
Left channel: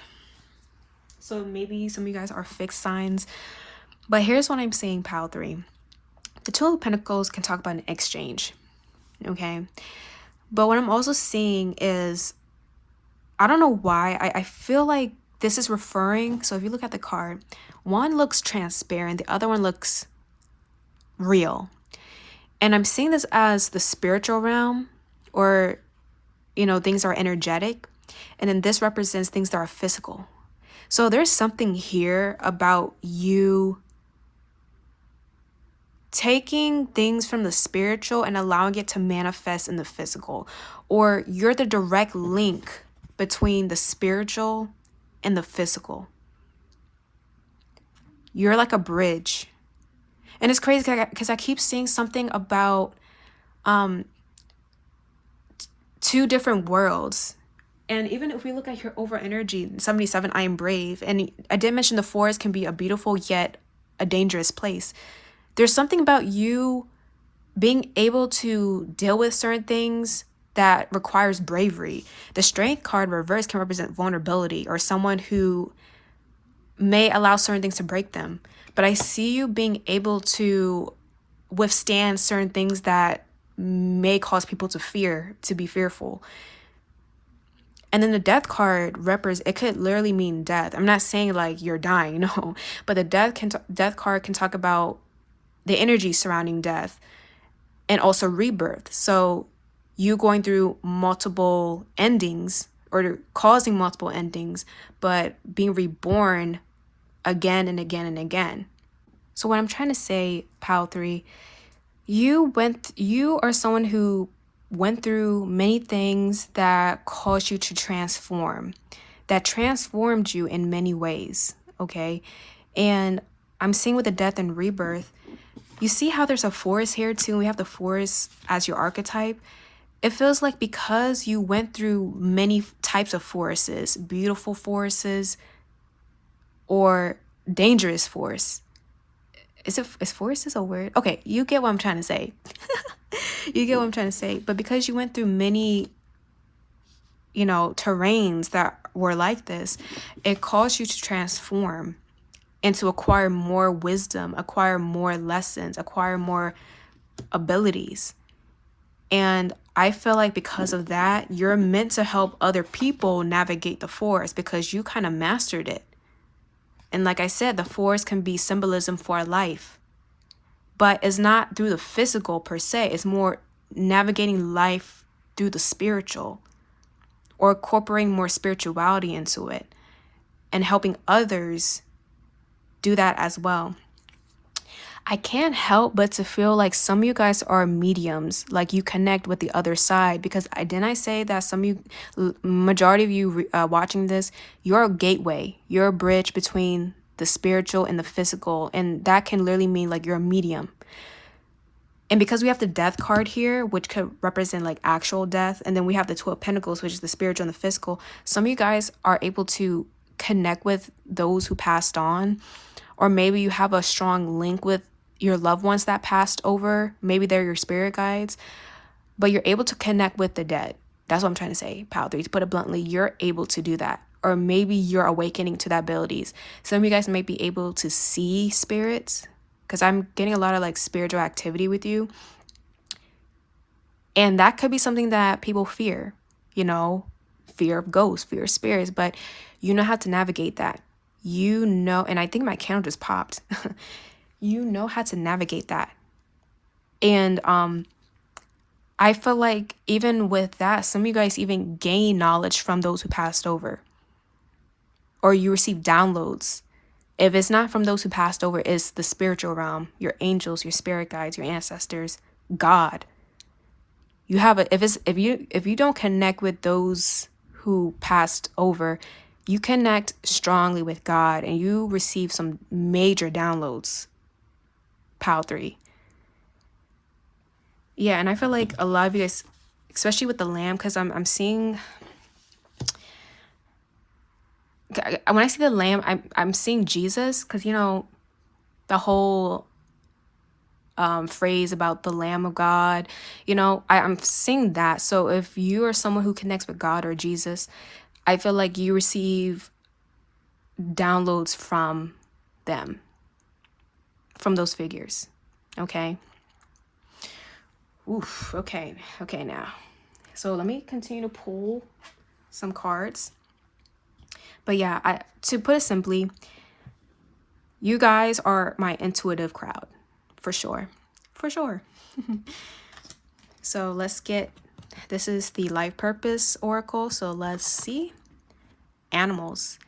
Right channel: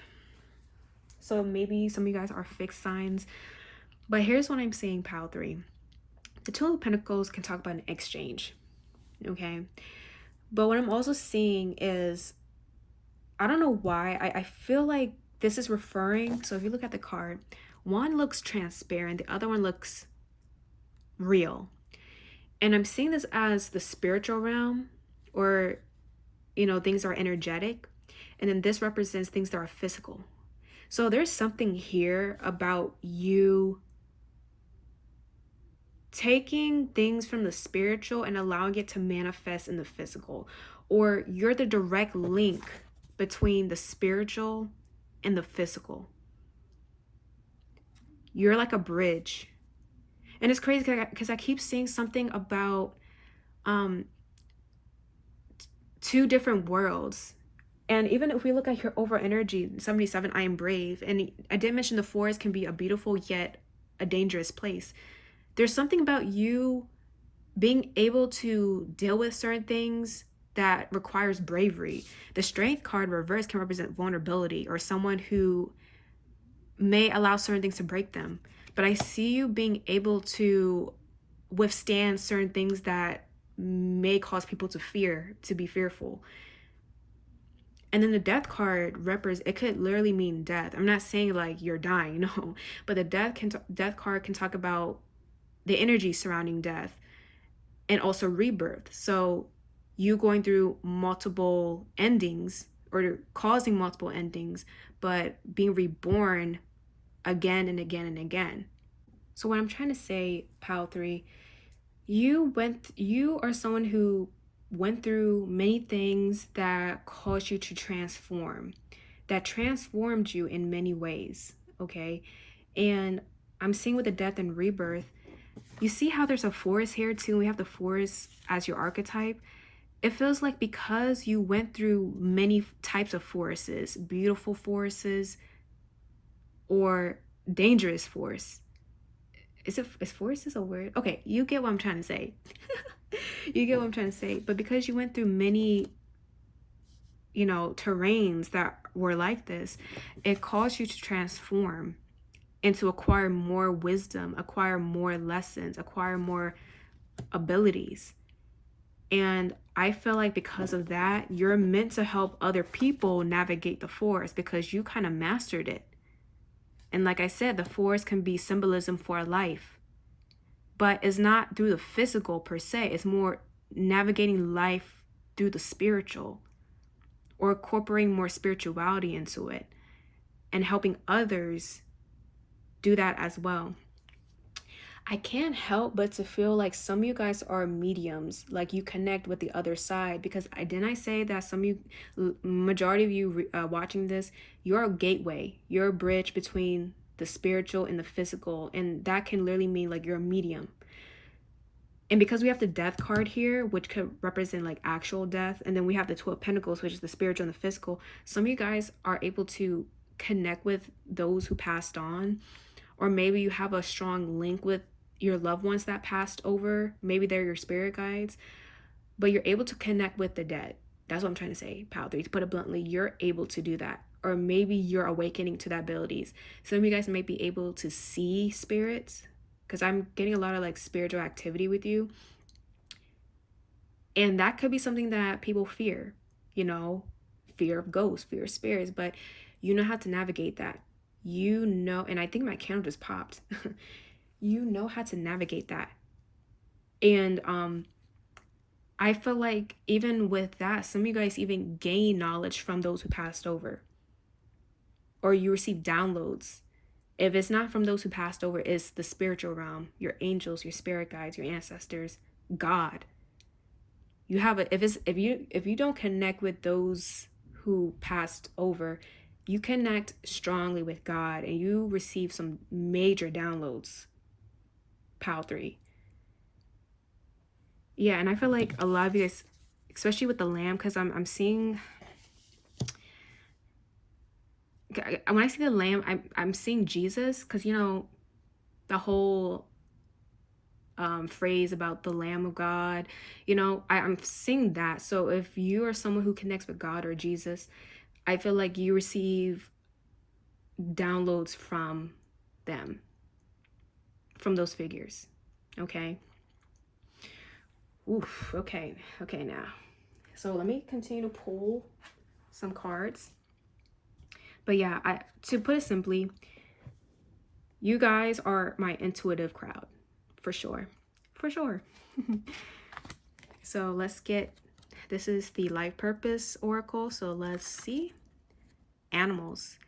So maybe some of you guys are fixed signs. But here's what I'm saying, Pile 3. The Two of Pentacles can talk about an exchange. Okay? But what I'm also seeing is, I don't know why, I feel like this is referring, so if you look at the card, one looks transparent, the other one looks real. And I'm seeing this as the spiritual realm, or, things are energetic. And then this represents things that are physical. So there's something here about you taking things from the spiritual and allowing it to manifest in the physical, or you're the direct link between the spiritual and the physical. You're like a bridge. And it's crazy because I keep seeing something about two different worlds. And even if we look at your over energy, 77, I am brave. And I did mention the forest can be a beautiful yet a dangerous place. There's something about you being able to deal with certain things that requires bravery. The strength card reverse can represent vulnerability or someone who may allow certain things to break them. But I see you being able to withstand certain things that may cause people to be fearful. And then the death card it could literally mean death. I'm not saying like you're dying, no. But the death card can talk about the energy surrounding death and also rebirth. So you going through multiple endings or causing multiple endings, but being reborn again and again and again. So what I'm trying to say, Pal 3, you are someone who went through many things that caused you to transform, that transformed you in many ways, okay? And I'm seeing with the death and rebirth, you see how there's a forest here too, and we have the forest as your archetype. It feels like because you went through many types of forests, beautiful forests or dangerous forests. Is forest a word? Okay, you get what I'm trying to say. You get what I'm trying to say. But because you went through many, terrains that were like this, it caused you to transform and to acquire more wisdom, acquire more lessons, acquire more abilities. And I feel like because of that, you're meant to help other people navigate the forest because you kind of mastered it. And like I said, the forest can be symbolism for life, but it's not through the physical per se. It's more navigating life through the spiritual or incorporating more spirituality into it and helping others do that as well. I can't help but to feel like some of you guys are mediums, like you connect with the other side, because didn't I say that some of you, majority of you watching this, you're a gateway, you're a bridge between the spiritual and the physical, and that can literally mean like you're a medium. And because we have the death card here, which could represent like actual death, and then we have the 2 of Pentacles, which is the spiritual and the physical, some of you guys are able to connect with those who passed on, or maybe you have a strong link with your loved ones that passed over. Maybe they're your spirit guides, but you're able to connect with the dead. That's what I'm trying to say, Pal 3. To put it bluntly, you're able to do that. Or maybe you're awakening to that abilities. Some of you guys might be able to see spirits, because I'm getting a lot of like spiritual activity with you. And that could be something that people fear, fear of ghosts, fear of spirits, but you know how to navigate that. And I think my candle just popped. You know how to navigate that. And I feel like even with that, some of you guys even gain knowledge from those who passed over. Or you receive downloads. If it's not from those who passed over, it's the spiritual realm, your angels, your spirit guides, your ancestors, God. You have if you don't connect with those who passed over, you connect strongly with God and you receive some major downloads. Pal 3. Yeah, and I feel like a lot of you guys, especially with the lamb, because I'm seeing, when I see the lamb, I'm seeing Jesus, because the whole phrase about the Lamb of God, I'm seeing that. So if you are someone who connects with God or Jesus, I feel like you receive downloads from them, from those figures. Okay. Oof. Okay now. So let me continue to pull some cards. But yeah, to put it simply, you guys are my intuitive crowd. For sure. So this is the life purpose oracle. So let's see. Animals.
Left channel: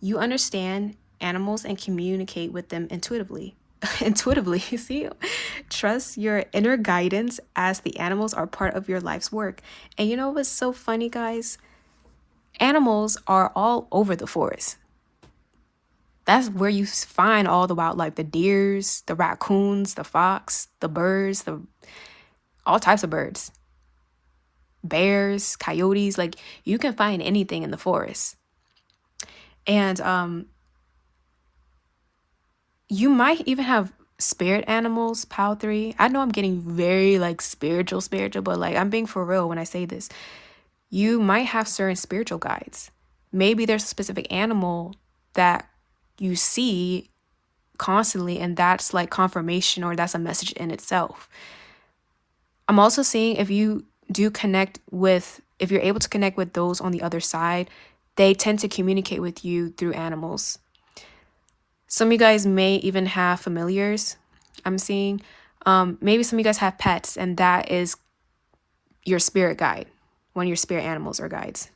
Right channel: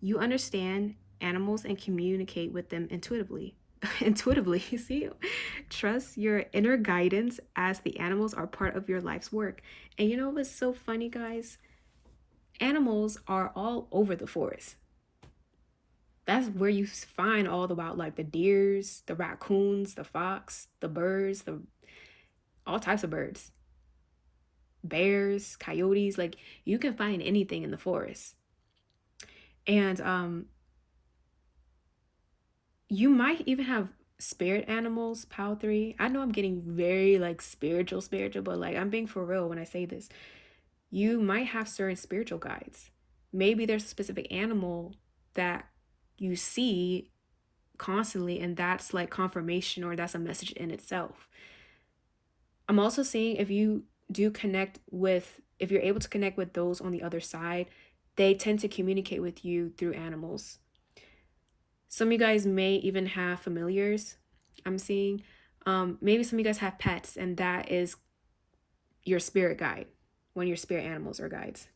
You understand animals and communicate with them intuitively. intuitively. See, trust your inner guidance as the animals are part of your life's work. And you know what's so funny, guys? Animals are all over the forest. That's where you find all the wildlife, the deers, the raccoons, the fox, the birds, the all types of birds, bears, coyotes. Like, you can find anything in the forest. And you might even have spirit animals, PAL 3. I know I'm getting very like spiritual, but like I'm being for real when I say this. You might have certain spiritual guides. Maybe there's a specific animal that you see constantly, and that's like confirmation, or that's a message in itself. I'm also seeing if you do connect with, if you're able to connect with those on the other side, they tend to communicate with you through animals. Some of you guys may even have familiars, I'm seeing. Maybe some of you guys have pets, and that is your spirit guide, one of your spirit animals or guides.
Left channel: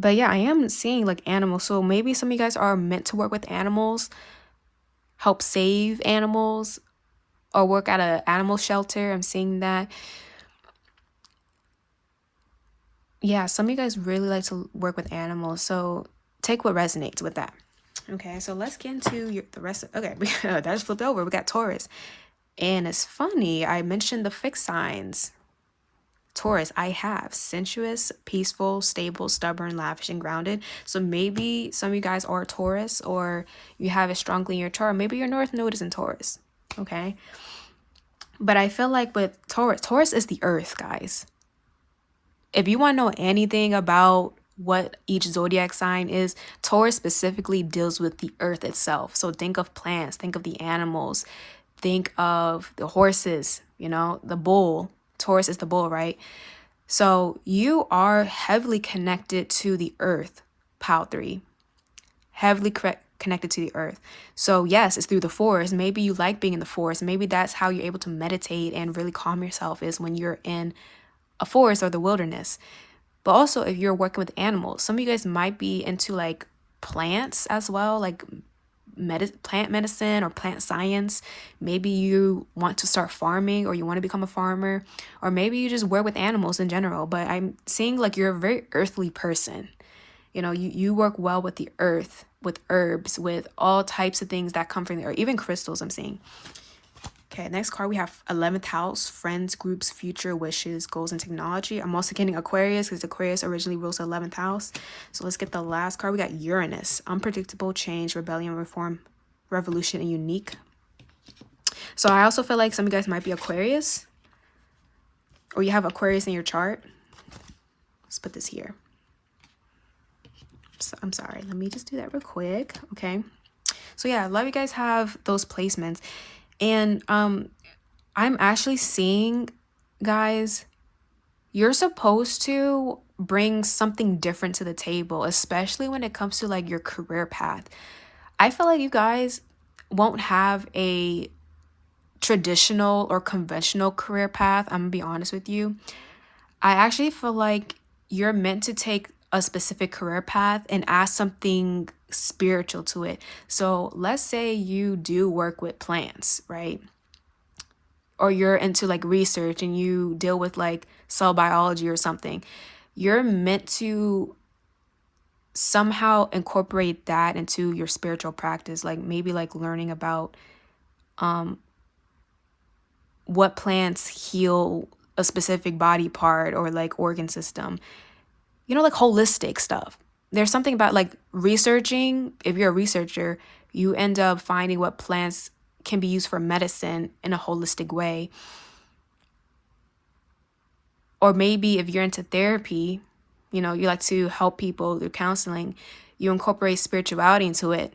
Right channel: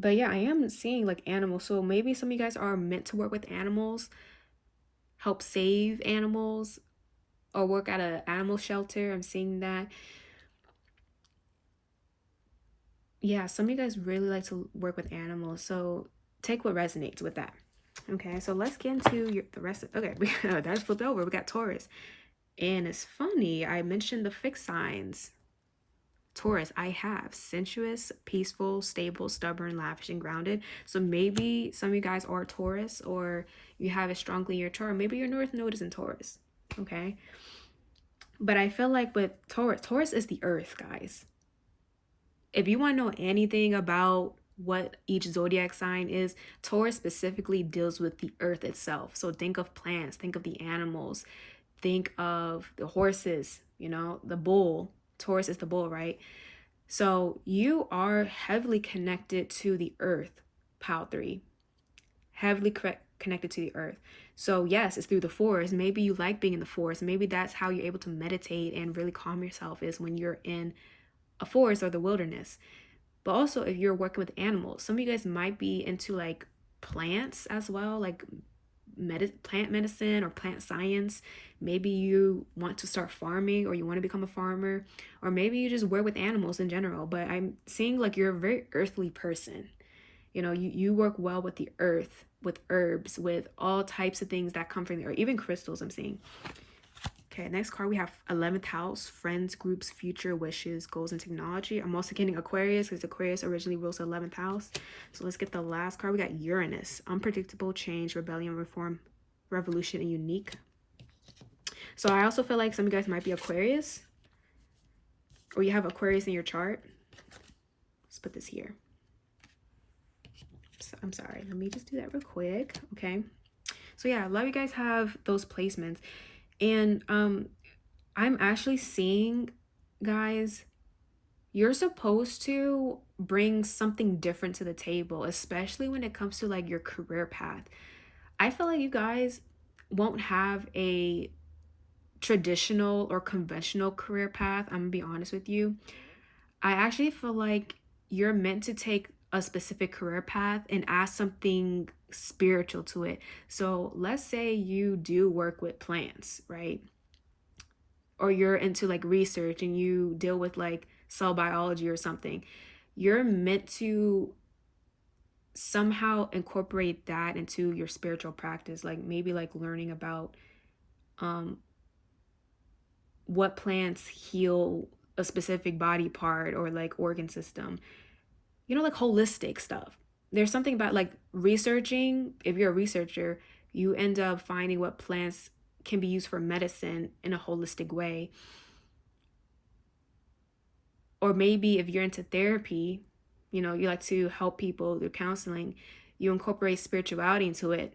But yeah, I am seeing like animals. So maybe some of you guys are meant to work with animals, help save animals, or work at an animal shelter. I'm seeing that. Yeah, some of you guys really like to work with animals. So take what resonates with that. Okay, so let's get into the rest of, okay, that just flipped over. We got Taurus. And it's funny, I mentioned the fixed signs. Taurus, I have sensuous, peaceful, stable, stubborn, lavish, and grounded. So maybe some of you guys are Taurus, or you have it strongly in your chart. Maybe your North Node is in Taurus. Okay. But I feel like with Taurus is the earth, guys. If you want to know anything about what each zodiac sign is, Taurus specifically deals with the earth itself. So think of plants, think of the animals, think of the horses, the bull. Taurus is the bull, right? So you are heavily connected to the earth, PAL 3. Heavily connected to the earth. So yes, it's through the forest. Maybe you like being in the forest. Maybe that's how you're able to meditate and really calm yourself, is when you're in a forest or the wilderness. But also, if you're working with animals, some of you guys might be into like plants as well, like plant medicine or plant science. Maybe you want to start farming, or you want to become a farmer, or maybe you just work with animals in general. But I'm seeing like you're a very earthly person. You work well with the earth, with herbs, with all types of things that come from the earth, even crystals I'm seeing. Okay, next card we have 11th house, friends, groups, future, wishes, goals, and technology. I'm also getting Aquarius because Aquarius originally rules the 11th house. So let's get the last card. We got Uranus, unpredictable, change, rebellion, reform, revolution, and unique. So I also feel like some of you guys might be Aquarius, or you have Aquarius in your chart. Let's put this here. So, I'm sorry. Let me just do that real quick. Okay. So yeah, a lot of you guys have those placements. And I'm actually seeing, guys, you're supposed to bring something different to the table, especially when it comes to like your career path. I feel like you guys won't have a traditional or conventional career path. I'm gonna be honest with you. I actually feel like you're meant to take a specific career path and add something spiritual to it. So let's say you do work with plants, right? Or you're into like research and you deal with like cell biology or something. You're meant to somehow incorporate that into your spiritual practice, like maybe like learning about what plants heal a specific body part or like organ system, like holistic stuff. There's something about like researching. If you're a researcher, you end up finding what plants can be used for medicine in a holistic way. Or maybe if you're into therapy, you like to help people through counseling, you incorporate spirituality into it.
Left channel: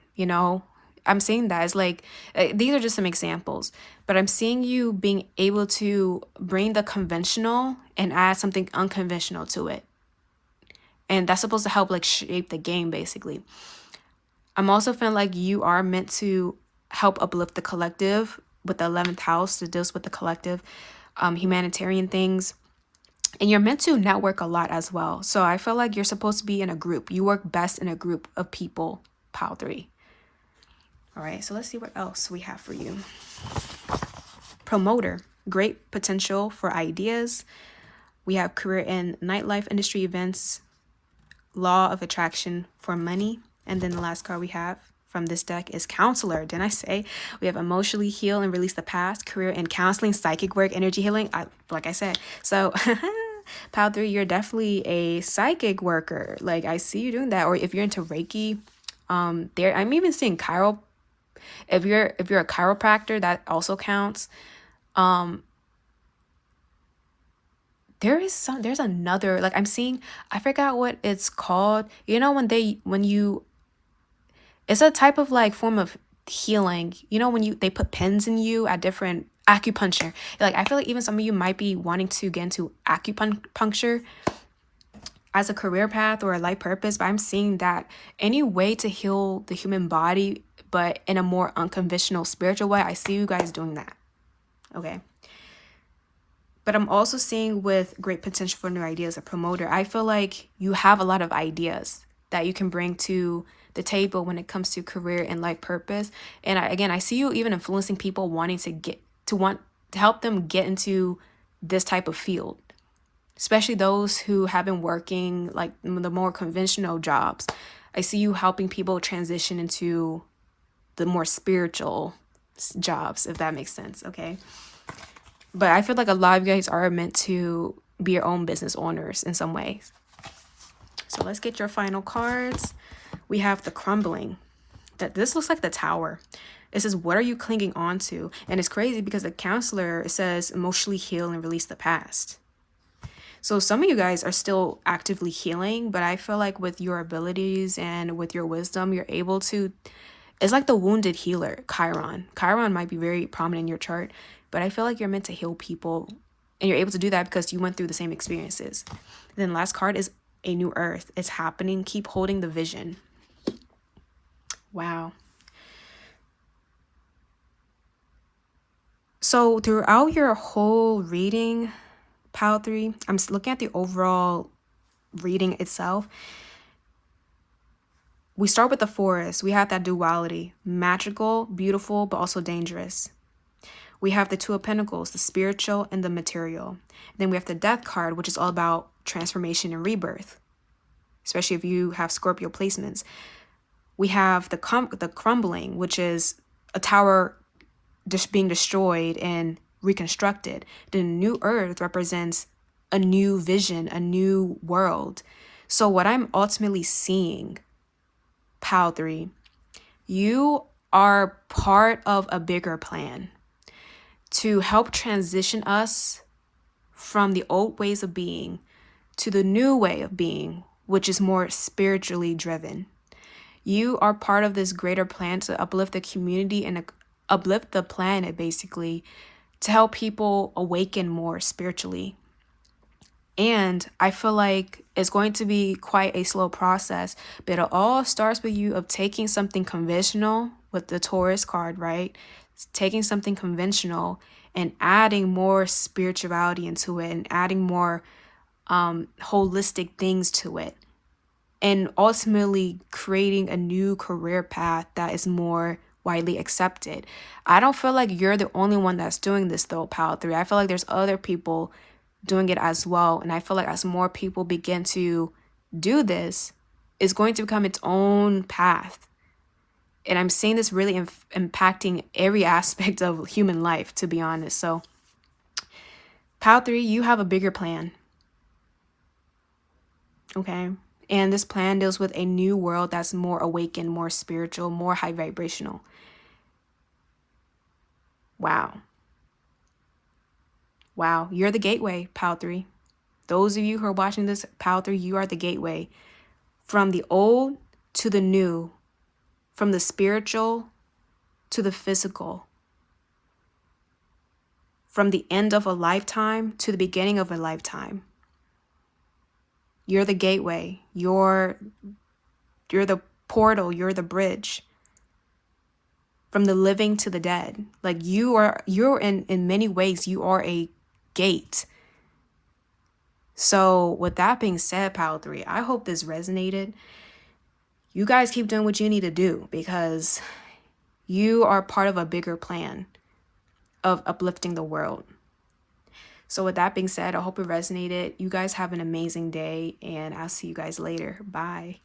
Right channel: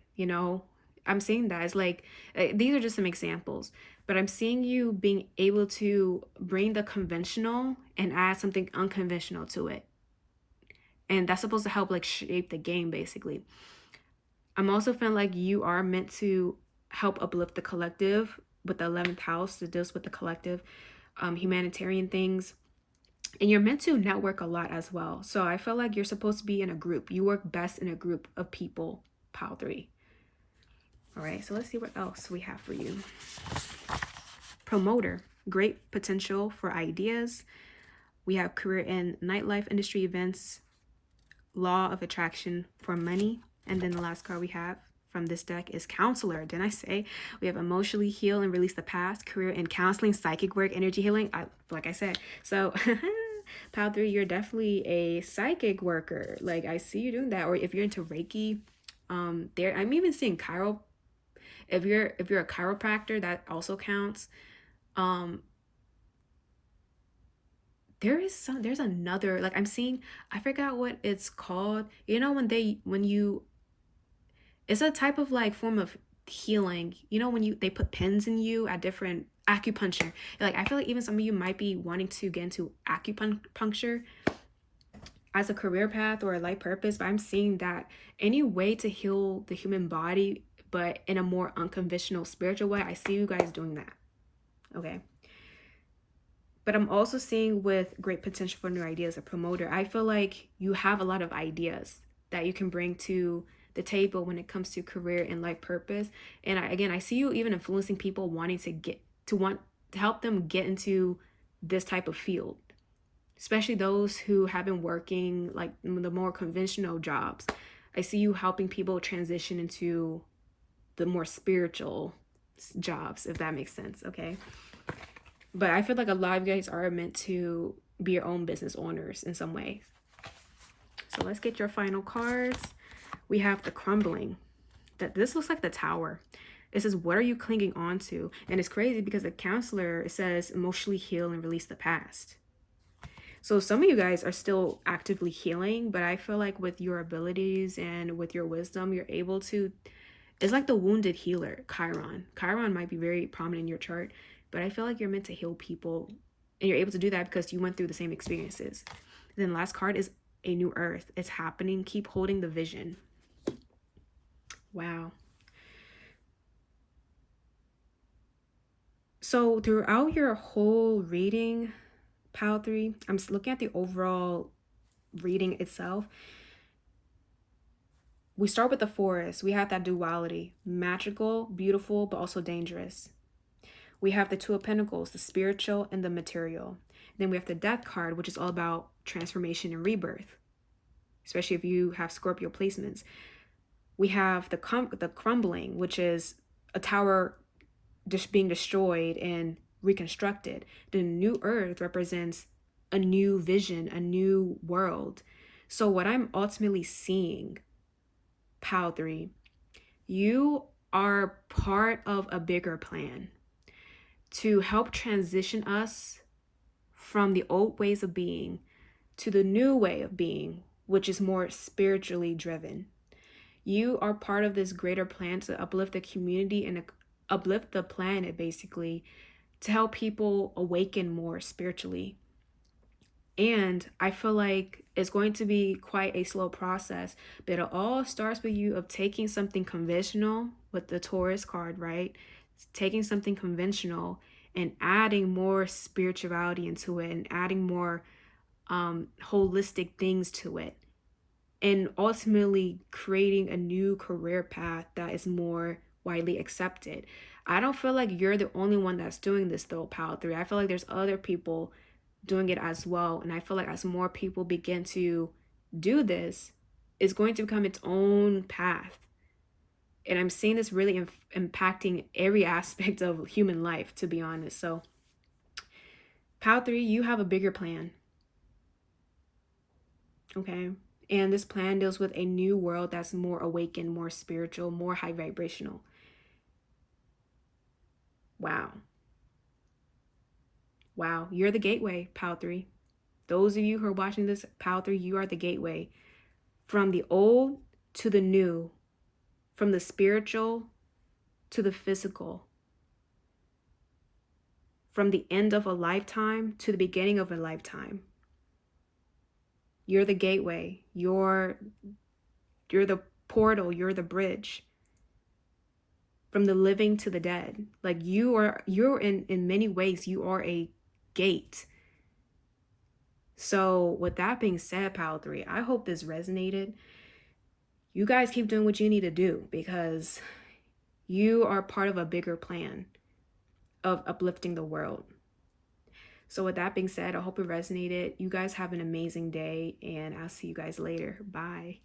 I'm seeing that as like, these are just some examples, but I'm seeing you being able to bring the conventional and add something unconventional to it. And that's supposed to help like shape the game, basically. I'm also feeling like you are meant to help uplift the collective with the 11th house that deals with the collective, humanitarian things. And you're meant to network a lot as well. So I feel like you're supposed to be in a group. You work best in a group of people, PAL 3. All right, so let's see what else we have for you. Promoter, great potential for ideas. We have career in nightlife industry events, law of attraction for money. And then the last card we have from this deck is counselor. Didn't I say? We have emotionally heal and release the past, career in counseling, psychic work, energy healing. Like I said. So pile 3, you're definitely a psychic worker. Like I see you doing that. Or if you're into Reiki, there I'm even seeing if you're a chiropractor, that also counts. There's another, like I'm seeing, I forgot what it's called. You know, it's a type of like form of healing. You know, when they put pins in you at different acupuncture. Like I feel like even some of you might be wanting to get into acupuncture as a career path or a life purpose, but I'm seeing that any way to heal the human body, but in a more unconventional spiritual way, I see you guys doing that. Okay. But I'm also seeing with great potential for new ideas, a promoter. I feel like you have a lot of ideas that you can bring to the table when it comes to career and life purpose. And I see you even influencing people wanting to help them get into this type of field, especially those who have been working like the more conventional jobs. I see you helping people transition into the more spiritual jobs, if that makes sense. Okay. But I feel like a lot of you guys are meant to be your own business owners in some ways. So let's get your final cards. We have the crumbling. This looks like the tower. It says, what are you clinging on to? And it's crazy because the counselor says emotionally heal and release the past. So some of you guys are still actively healing, but I feel like with your abilities and with your wisdom, you're able to, it's like the wounded healer, Chiron. Chiron might be very prominent in your chart, but I feel like you're meant to heal people, and you're able to do that because you went through the same experiences. And then last card is a new earth. It's happening. Keep holding the vision. Wow. So throughout your whole reading, Pile 3, I'm looking at the overall reading itself. We start with the forest. We have that duality, magical, beautiful, but also dangerous. We have the Two of Pentacles, the spiritual and the material. Then we have the Death card, which is all about transformation and rebirth, especially if you have Scorpio placements. We have the crumbling, which is a tower just being destroyed and reconstructed. The new earth represents a new vision, a new world. So what I'm ultimately seeing, Pile 3, you are part of a bigger plan to help transition us from the old ways of being to the new way of being, which is more spiritually driven. You are part of this greater plan to uplift the community and uplift the planet, basically, to help people awaken more spiritually. And I feel like it's going to be quite a slow process, but it all starts with you of taking something conventional with the Taurus card, right? Taking something conventional and adding more spirituality into it and adding more holistic things to it, and ultimately creating a new career path that is more widely accepted. I don't feel like you're the only one that's doing this though, Pile 3. I feel like there's other people doing it as well. And I feel like as more people begin to do this, it's going to become its own path. And I'm seeing this really impacting every aspect of human life, to be honest. So, Pile 3, you have a bigger plan. Okay? And this plan deals with a new world that's more awakened, more spiritual, more high vibrational. Wow. Wow. You're the gateway, Pile 3. Those of you who are watching this, Pile 3, you are the gateway. From the old to the new, from the spiritual to the physical, from the end of a lifetime to the beginning of a lifetime. You're the gateway. You're the portal. You're the bridge. From the living to the dead. Like you're in many ways, you are a gate. So with that being said, Pile 3, I hope this resonated. You guys keep doing what you need to do, because You are part of a bigger plan of uplifting the world. So with that being said, I hope it resonated. You guys have an amazing day, and I'll see you guys later. Bye.